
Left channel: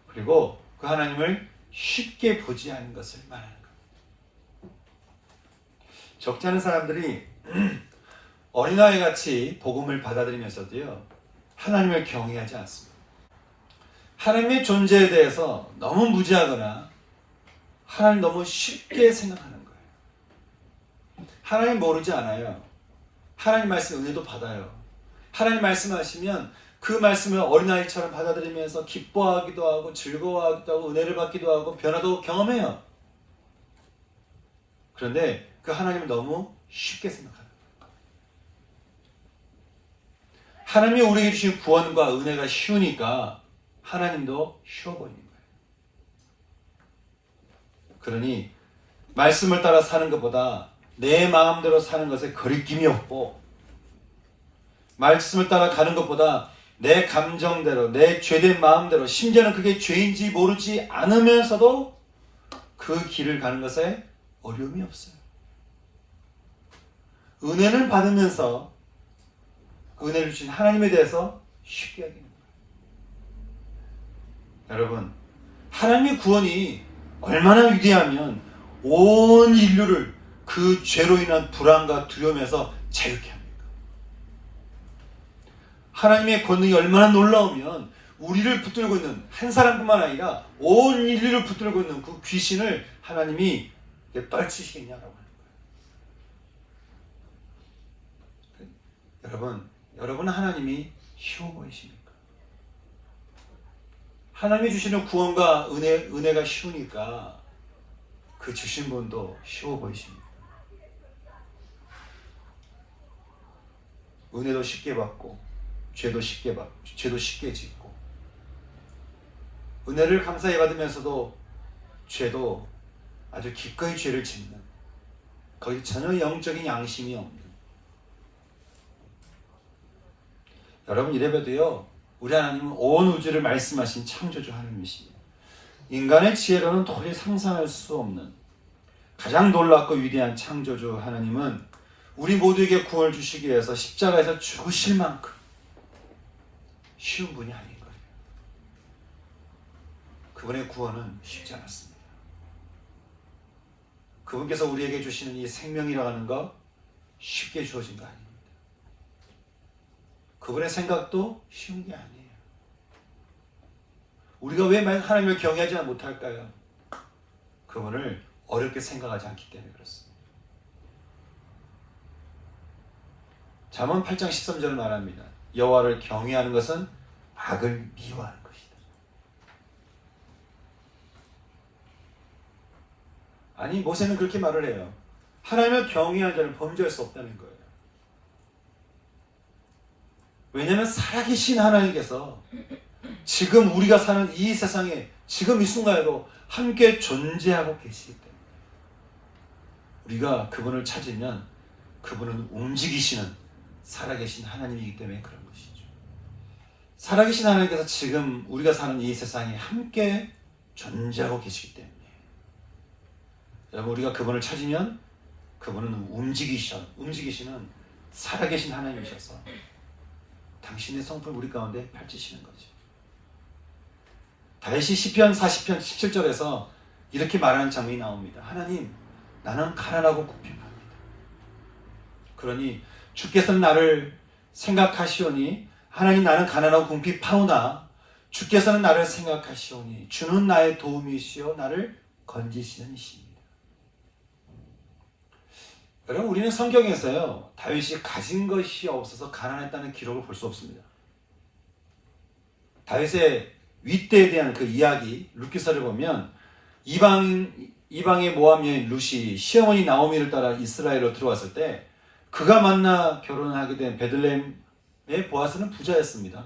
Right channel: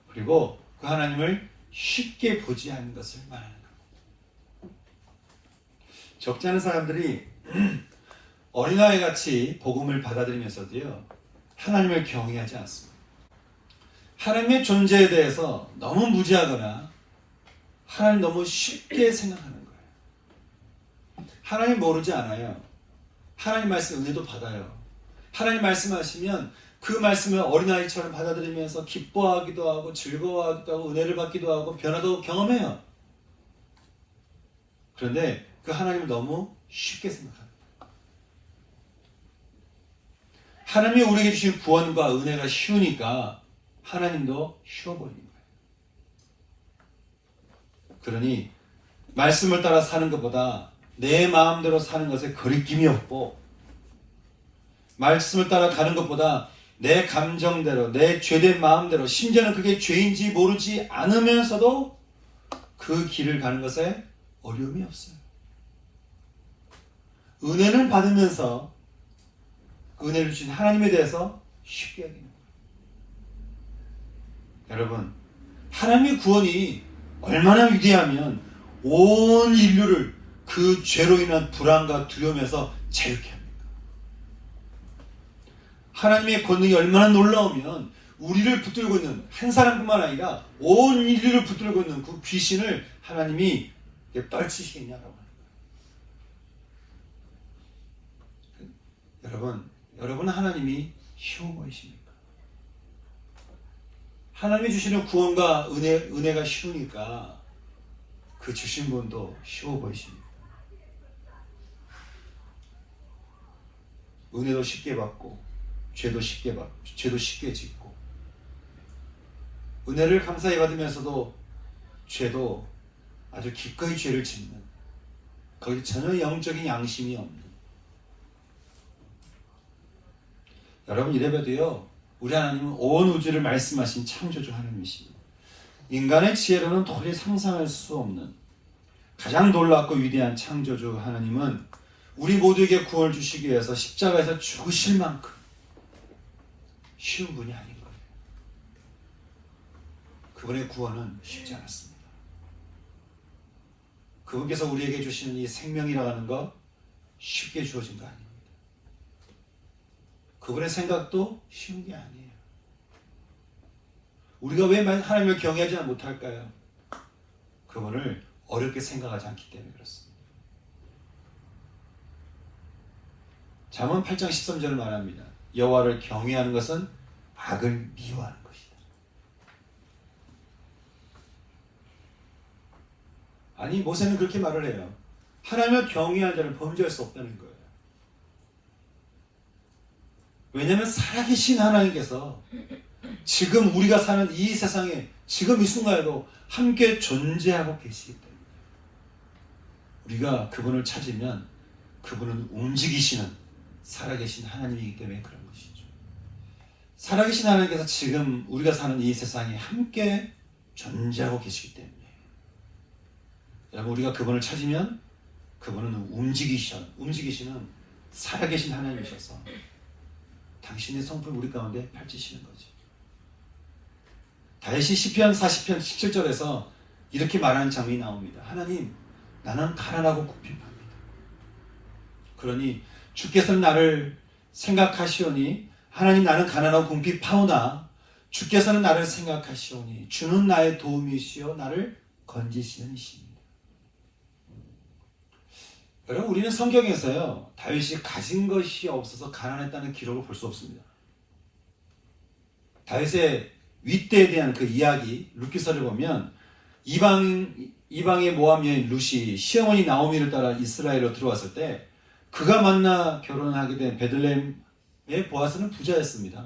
그리고 그 하나님을 쉽게 보지 않는 것을 말하는 것. 적지 않은 사람들이 어린아이같이 복음을 받아들이면서도요, 하나님을 경외하지 않습니다. 하나님의 존재에 대해서 너무 무지하거나 하나님 너무 쉽게 생각하는 거예요. 하나님 모르지 않아요. 하나님 말씀 은혜도 받아요. 하나님 말씀하시면 그 말씀을 어린아이처럼 받아들이면서 기뻐하기도 하고 즐거워하기도 하고 은혜를 받기도 하고 변화도 경험해요. 그런데 그 하나님을 너무 쉽게 생각합니다. 하나님이 우리에게 주신 구원과 은혜가 쉬우니까 하나님도 쉬워 보이는 거예요. 그러니 말씀을 따라 사는 것보다 내 마음대로 사는 것에 거리낌이 없고, 말씀을 따라 가는 것보다 내 감정대로, 내 죄된 마음대로, 심지어는 그게 죄인지 모르지 않으면서도 그 길을 가는 것에 어려움이 없어요. 은혜를 받으면서 은혜를 주신 하나님에 대해서 쉽게 여기는 거예요. 여러분, 하나님의 구원이 얼마나 위대하면 온 인류를 그 죄로 인한 불안과 두려움에서 자유케 합니까? 하나님의 권능이 얼마나 놀라우면 우리를 붙들고 있는 한 사람뿐만 아니라 온 인류를 붙들고 있는 그 귀신을 하나님이 떨치시겠냐라고 하는 거예요. 여러분 하나님이 쉬워 보이십니까? 하나님이 주시는 구원과 은혜가 쉬우니까 그 주신 분도 쉬워 보이십니다. 은혜도 쉽게 받고 죄도 쉽게 짓고, 은혜를 감사히 받으면서도 죄도 아주 기꺼이 죄를 짓는, 거기 전혀 영적인 양심이 없는. 여러분, 이래봬도요, 우리 하나님은 온 우주를 말씀하신 창조주 하나님이십니다. 인간의 지혜로는 도저히 상상할 수 없는 가장 놀랍고 위대한 창조주 하나님은 우리 모두에게 구원을 주시기 위해서 십자가에서 죽으실 만큼 쉬운 분이 아닌 거예요. 그분의 구원은 쉽지 않았습니다. 그분께서 우리에게 주시는 이 생명이라고 하는 것 쉽게 주어진 거 아닙니다. 그분의 생각도 쉬운 게 아니에요. 우리가 왜 하나님을 경외하지 못할까요? 그분을 어렵게 생각하지 않기 때문에 그렇습니다. 잠언 8장 13절을 말합니다. 여호와를 경외하는 것은 악을 미워하는 것이다. 아니, 모세는 그렇게 말을 해요. 하나님을 경외하는 자는 범죄할 수 없다는 거예요. 왜냐하면 살아계신 하나님께서 지금 우리가 사는 이 세상에 지금 이 순간에도 함께 존재하고 계시기 때문에 우리가 그분을 찾으면 그분은 움직이시는 살아계신 하나님이기 때문에 그런 것이죠. 살아계신 하나님께서 지금 우리가 사는 이 세상에 함께 존재하고 계시기 때문에 여러분, 우리가 그분을 찾으면 그분은 움직이시는 살아계신 하나님이셔서 당신의 성품을 우리 가운데 펼치시는 거죠. 다윗이 시편 40편 17절에서 이렇게 말하는 장면이 나옵니다. 하나님, 나는 가난하고 궁핍합니다. 그러니 주께서는 나를 생각하시오니, 하나님, 나는 가난하고 궁핍하오나 주께서는 나를 생각하시오니 주는 나의 도움이시오 나를 건지시는 이십니다. 여러분, 우리는 성경에서요, 다윗이 가진 것이 없어서 가난했다는 기록을 볼 수 없습니다. 다윗의 윗대에 대한 그 이야기, 룻기서를 보면 이방의 모압 여인 룻이 시어머니 나오미를 따라 이스라엘로 들어왔을 때 그가 만나 결혼하게 된 베들레헴의 보아스는 부자였습니다.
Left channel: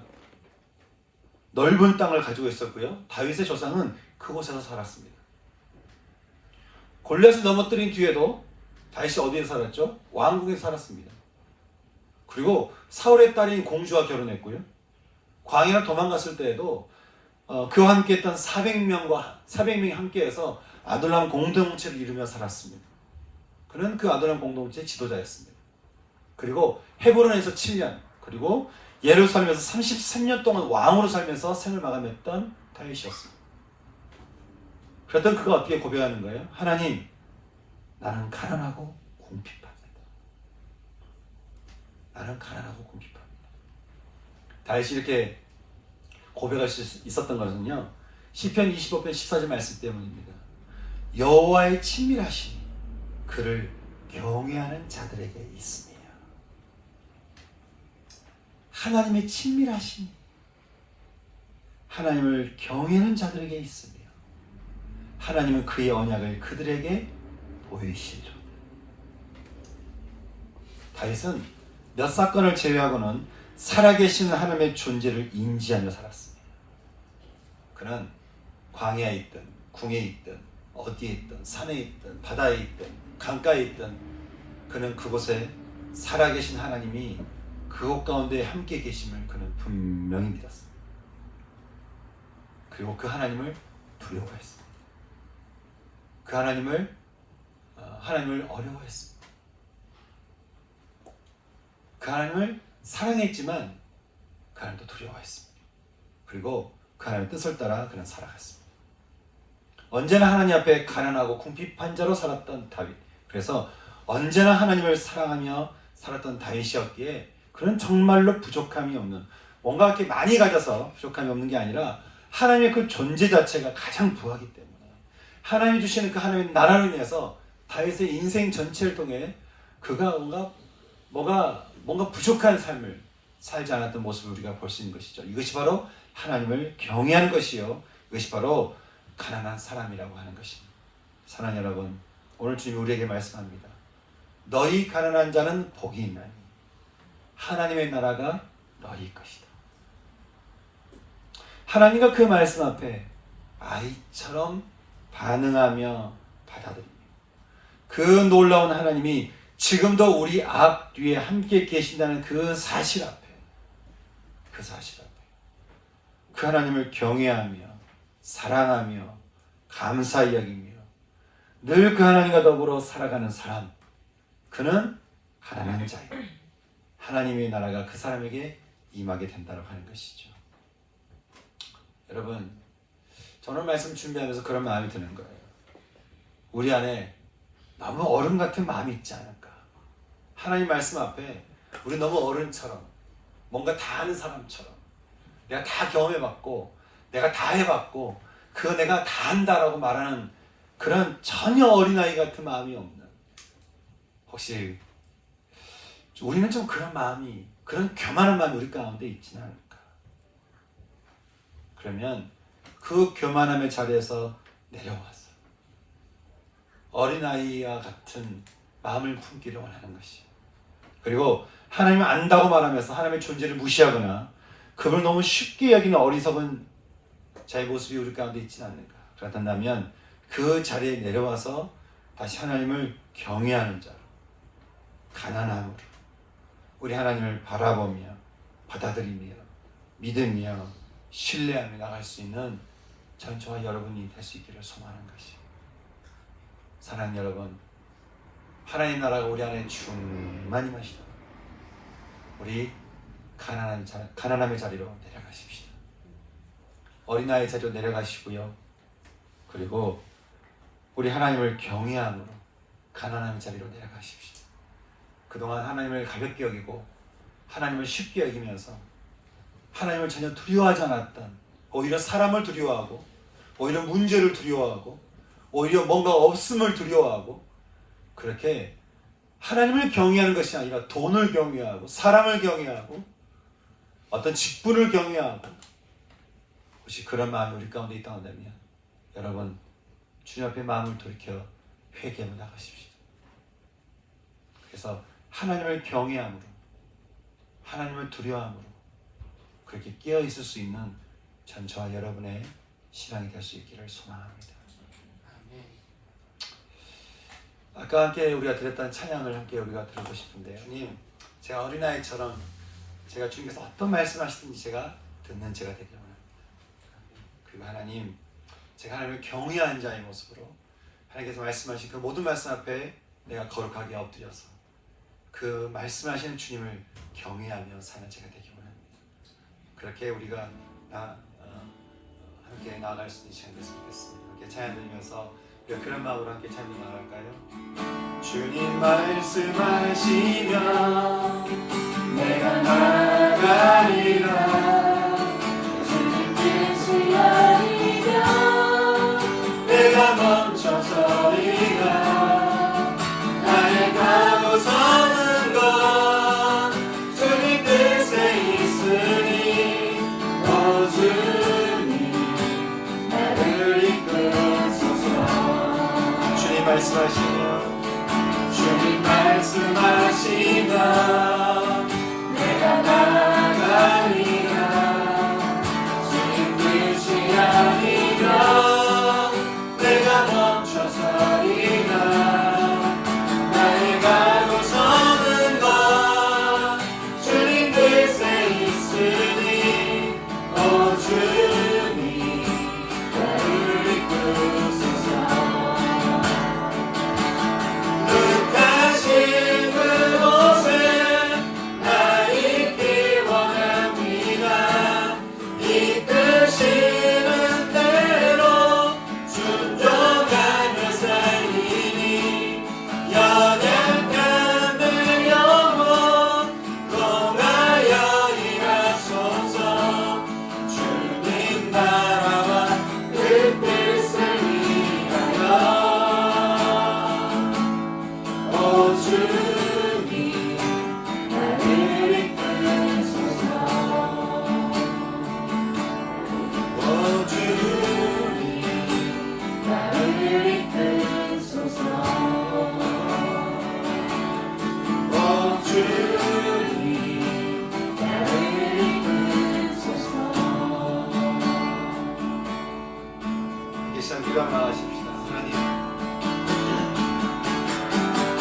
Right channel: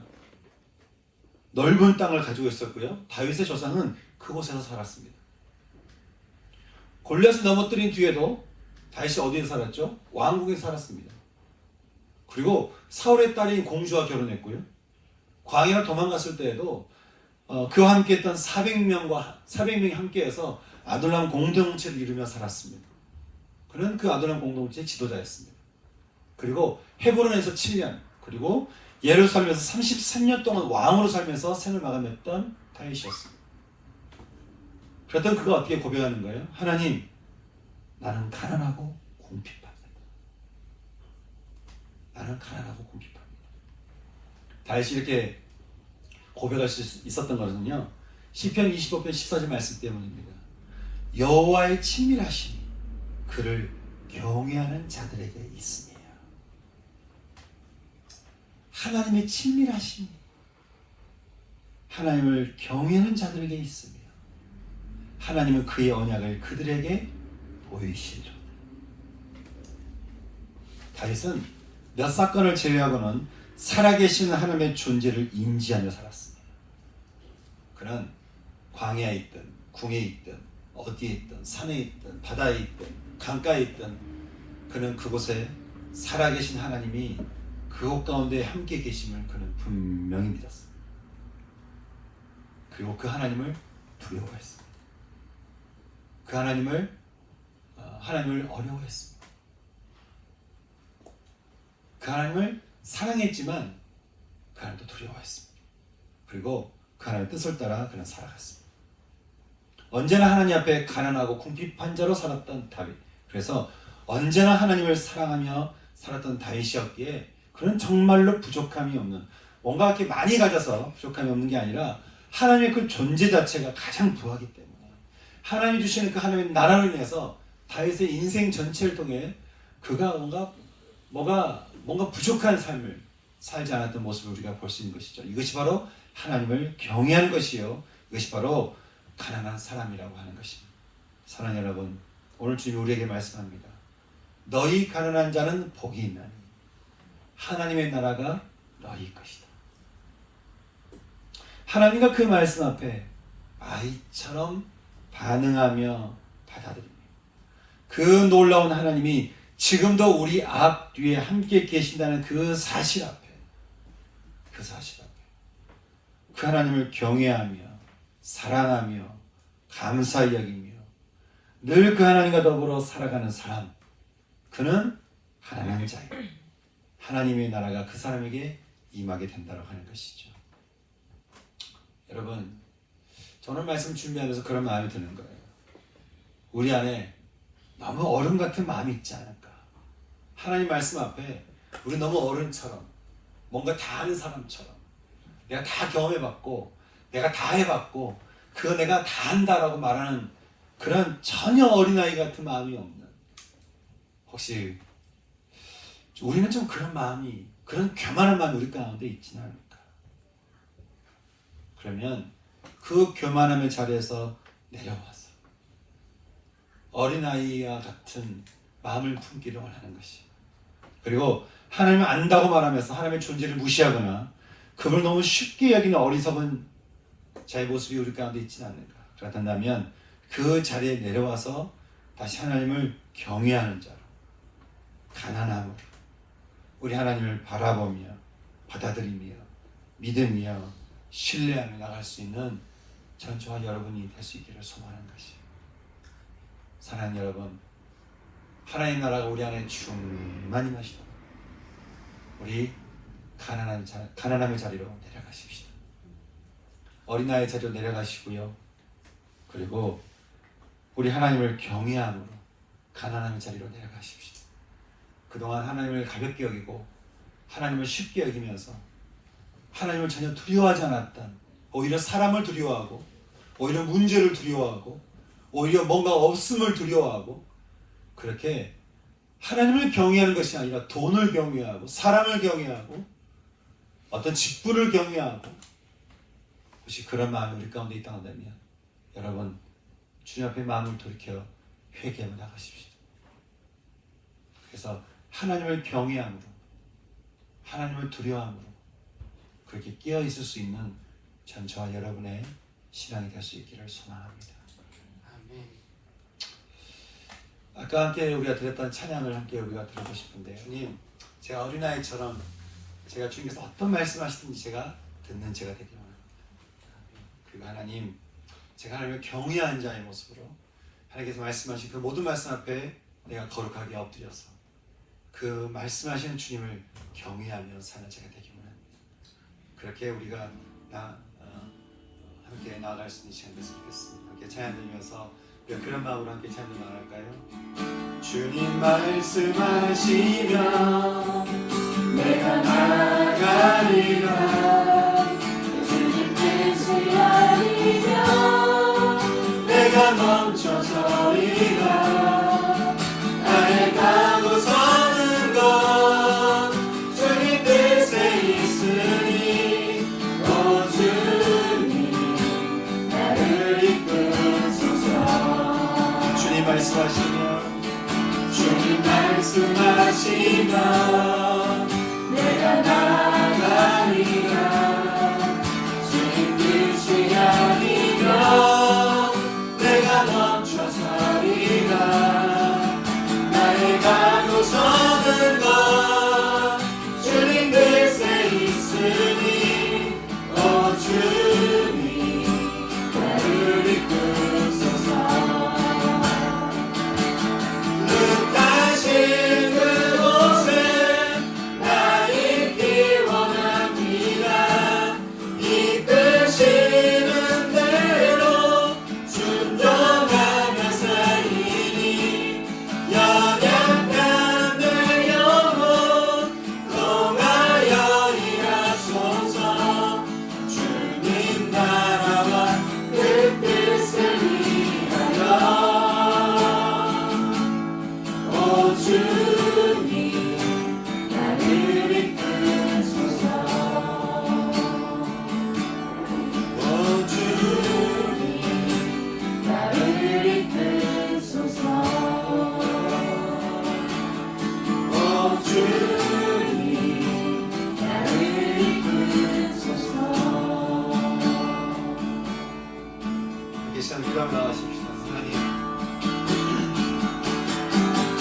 넓은 땅을 가지고 있었고요. 다윗의 조상은 그곳에서 살았습니다. 골리앗을 넘어뜨린 뒤에도 다윗이 어디에 살았죠? 왕궁에 살았습니다. 그리고 사울의 딸인 공주와 결혼했고요. 광야를 도망갔을 때에도 그와 함께했던 400명이 함께해서 아둘람 공동체를 이루며 살았습니다. 그는 그 아둘람 공동체의 지도자였습니다. 그리고 헤브론에서 7년, 그리고 예루살렘에서 33년 동안 왕으로 살면서 생을 마감했던 다윗이었습니다. 그랬더니 그가 어떻게 고백하는 거예요? 하나님, 나는 가난하고 궁핍합니다. 나는 가난하고 궁핍합니다. 다윗이 이렇게 고백할 수 있었던 것은요, 시편 25편 14절 말씀 때문입니다. 여호와의 친밀하심이 그를 경외하는 자들에게 있으며, 하나님의 친밀하심이 하나님을 경외하는 자들에게 있으며, 하나님은 그의 언약을 그들에게 보이시리라. 다윗은 몇 사건을 제외하고는 살아계신 하나님의 존재를 인지하며 살았습니다. 그는 광야에 있든 궁에 있든 어디에 있든 산에 있든 바다에 있든 강가에 있든 그는 그곳에 살아계신 하나님이 그곳 가운데 함께 계심을 그는 분명히 믿었습니다. 그리고 그 하나님을 두려워했습니다. 그 하나님을 어려워했습니다. 그 하나님을 사랑했지만 그 하나님도 두려워했습니다. 그리고 그 하나님의 뜻을 따라 그는 살아갔습니다. 언제나 하나님 앞에 가난하고 궁핍한 자로 살았던 다윗. 그래서 언제나 하나님을 사랑하며 살았던 다윗이었기에 그는 정말로 부족함이 없는, 뭔가 이렇게 많이 가져서 부족함이 없는 게 아니라 하나님의 그 존재 자체가 가장 부하기 때문에 하나님이 주시는 그 하나님의 나라로 인해서 다윗의 인생 전체를 통해 그가 뭔가 부족한 삶을 살지 않았던 모습을 우리가 볼 수 있는 것이죠. 이것이 바로 하나님을 경외하는 것이요, 이것이 바로 가난한 사람이라고 하는 것입니다. 사랑하는 여러분, 오늘 주님 우리에게 말씀합니다. 너희 가난한 자는 복이 있나니 하나님의 나라가 너희 것이다. 하나님과 그 말씀 앞에 아이처럼 반응하며 받아들입니다. 그 놀라운 하나님이 지금도 우리 앞 뒤에 함께 계신다는 그 사실 앞에 그 하나님을 경외하며 사랑하며 감사히 여기며 늘 그 하나님과 더불어 살아가는 사람, 그는 가난한 자예요. 하나님의 나라가 그 사람에게 임하게 된다고 하는 것이죠. 여러분, 저는 말씀 준비하면서 그런 마음이 드는 거예요. 우리 안에 너무 어른 같은 마음이 있지 않을까. 하나님 말씀 앞에 우리 너무 어른처럼, 뭔가 다 아는 사람처럼, 내가 다 경험해봤고 내가 다 해봤고 그거 내가 다 한다라고 말하는 그런 전혀 어린아이 같은 마음이 없는, 혹시 우리는 좀 그런 마음이, 그런 교만한 마음이 우리 가운데 있지는 않을까. 그러면 그 교만함의 자리에서 내려와서 어린아이와 같은 마음을 품기를 원하는 것이에요. 그리고 하나님을 안다고 말하면서 하나님의 존재를 무시하거나 그걸 너무 쉽게 여기는 어리석은 자의 모습이 우리 가운데 있지는 않는가. 그렇다면 그 자리에 내려와서 다시 하나님을 경외하는 자로, 가난함으로 우리 하나님을 바라보며 받아들이며 믿으며 신뢰하며 나갈 수 있는 저와 여러분이 될 수 있기를 소망하는 것이에요. 사랑하는 여러분, 하나님 나라가 우리 안에 충만히 마시고 우리 가난함의 자리로 내려가십시다. 어린아이의 자리로 내려가시고요. 그리고 우리 하나님을 경외함으로 가난함의 자리로 내려가십시다. 그동안 하나님을 가볍게 여기고 하나님을 쉽게 여기면서 하나님을 전혀 두려워하지 않았던, 오히려 사람을 두려워하고 오히려 문제를 두려워하고 오히려 뭔가 없음을 두려워하고, 그렇게 하나님을 경외하는 것이 아니라 돈을 경외하고 사람을 경외하고 어떤 직분을 경외하고, 혹시 그런 마음이 우리 가운데 있다고 한다면 여러분, 주님 앞에 마음을 돌이켜 회개하며 나가십시오. 그래서 하나님을 경외함으로, 하나님을 두려워함으로 그렇게 깨어있을 수 있는 전 저와 여러분의 신앙이 될 수 있기를 소망합니다. 아멘. 아까 함께 우리가 드렸던 찬양을 함께 우리가 들어보고 싶은데요. 주님, 제가 어린아이처럼 제가 주님께서 어떤 말씀하시든지 제가 듣는 제가 되기를 원합니다. 그리고 하나님, 제가 하나님을 경외하는 자의 모습으로 하나님께서 말씀하신 그 모든 말씀 앞에 내가 거룩하게 엎드려서 그 말씀하시는 주님을 경외하며 사는 제가 되기 원합니다. 그렇게 우리가 함께 나아갈 수 있는 시간 됐으면 좋겠습니다. 함께 찬양 들으면서 우리가 그런 마음으로 함께 찬양 나아갈까요? 주님 말씀하시면 내가 나아가리라. 주님 뜻을 알리며 내가 멈춰서리라. 나의 가고 서는 것 주님 뜻에 있으니 오 주님 나를 이끄소서. 주님 말씀하시면 주님 말씀하시면 내가 나아가리라. 주님 뜻이 아니라 내가 멈춰서리라. 나의 가고 서는 것 주님 뜻에 있으니 오 주님 나를 이끄소서. 흙가신 그 옷을 나 입기 원합니다. 이끄시는 대로 순종하며 살리니 연약한 내 영혼 통하여 일하소서. 주님 나라와 그 뜻을 위하여 오 주님 나를 이끄소서. 오 주님 나를 이끄소서. 오 주님 나를 이끄소서. 함께 시간 기도하십시다. 하나님,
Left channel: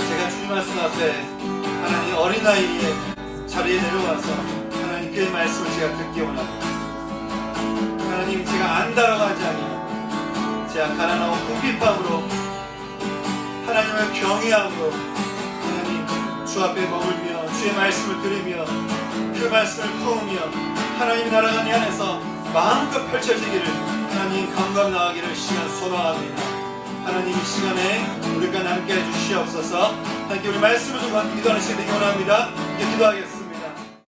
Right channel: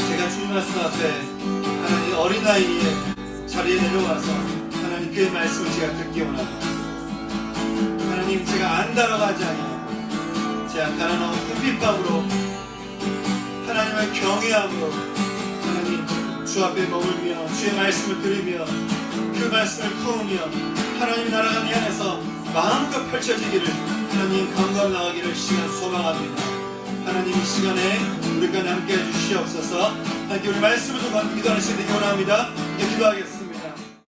제가 주님 말씀 앞에 하나님 어린아이의 자리에 내려와서 하나님 그 말씀을 제가 듣기 원합니다. 하나님, 제가 안다라고 하지 아니하고 제가 가난하고 궁핍함으로 하나님을 경외함으로 하나님 주 앞에 머물며 주의 말씀을 들으며 그 말씀을 품으며 하나님 나라가 내 안에서 마음껏 펼쳐지기를 하나님 감감 나가기를 시간 소망합니다. 하나님 이 시간에 우리가 함께 해주시옵소서. 하나님 우리 말씀을 좀 기도하는 시간이 원합니다. 기도하겠습니다.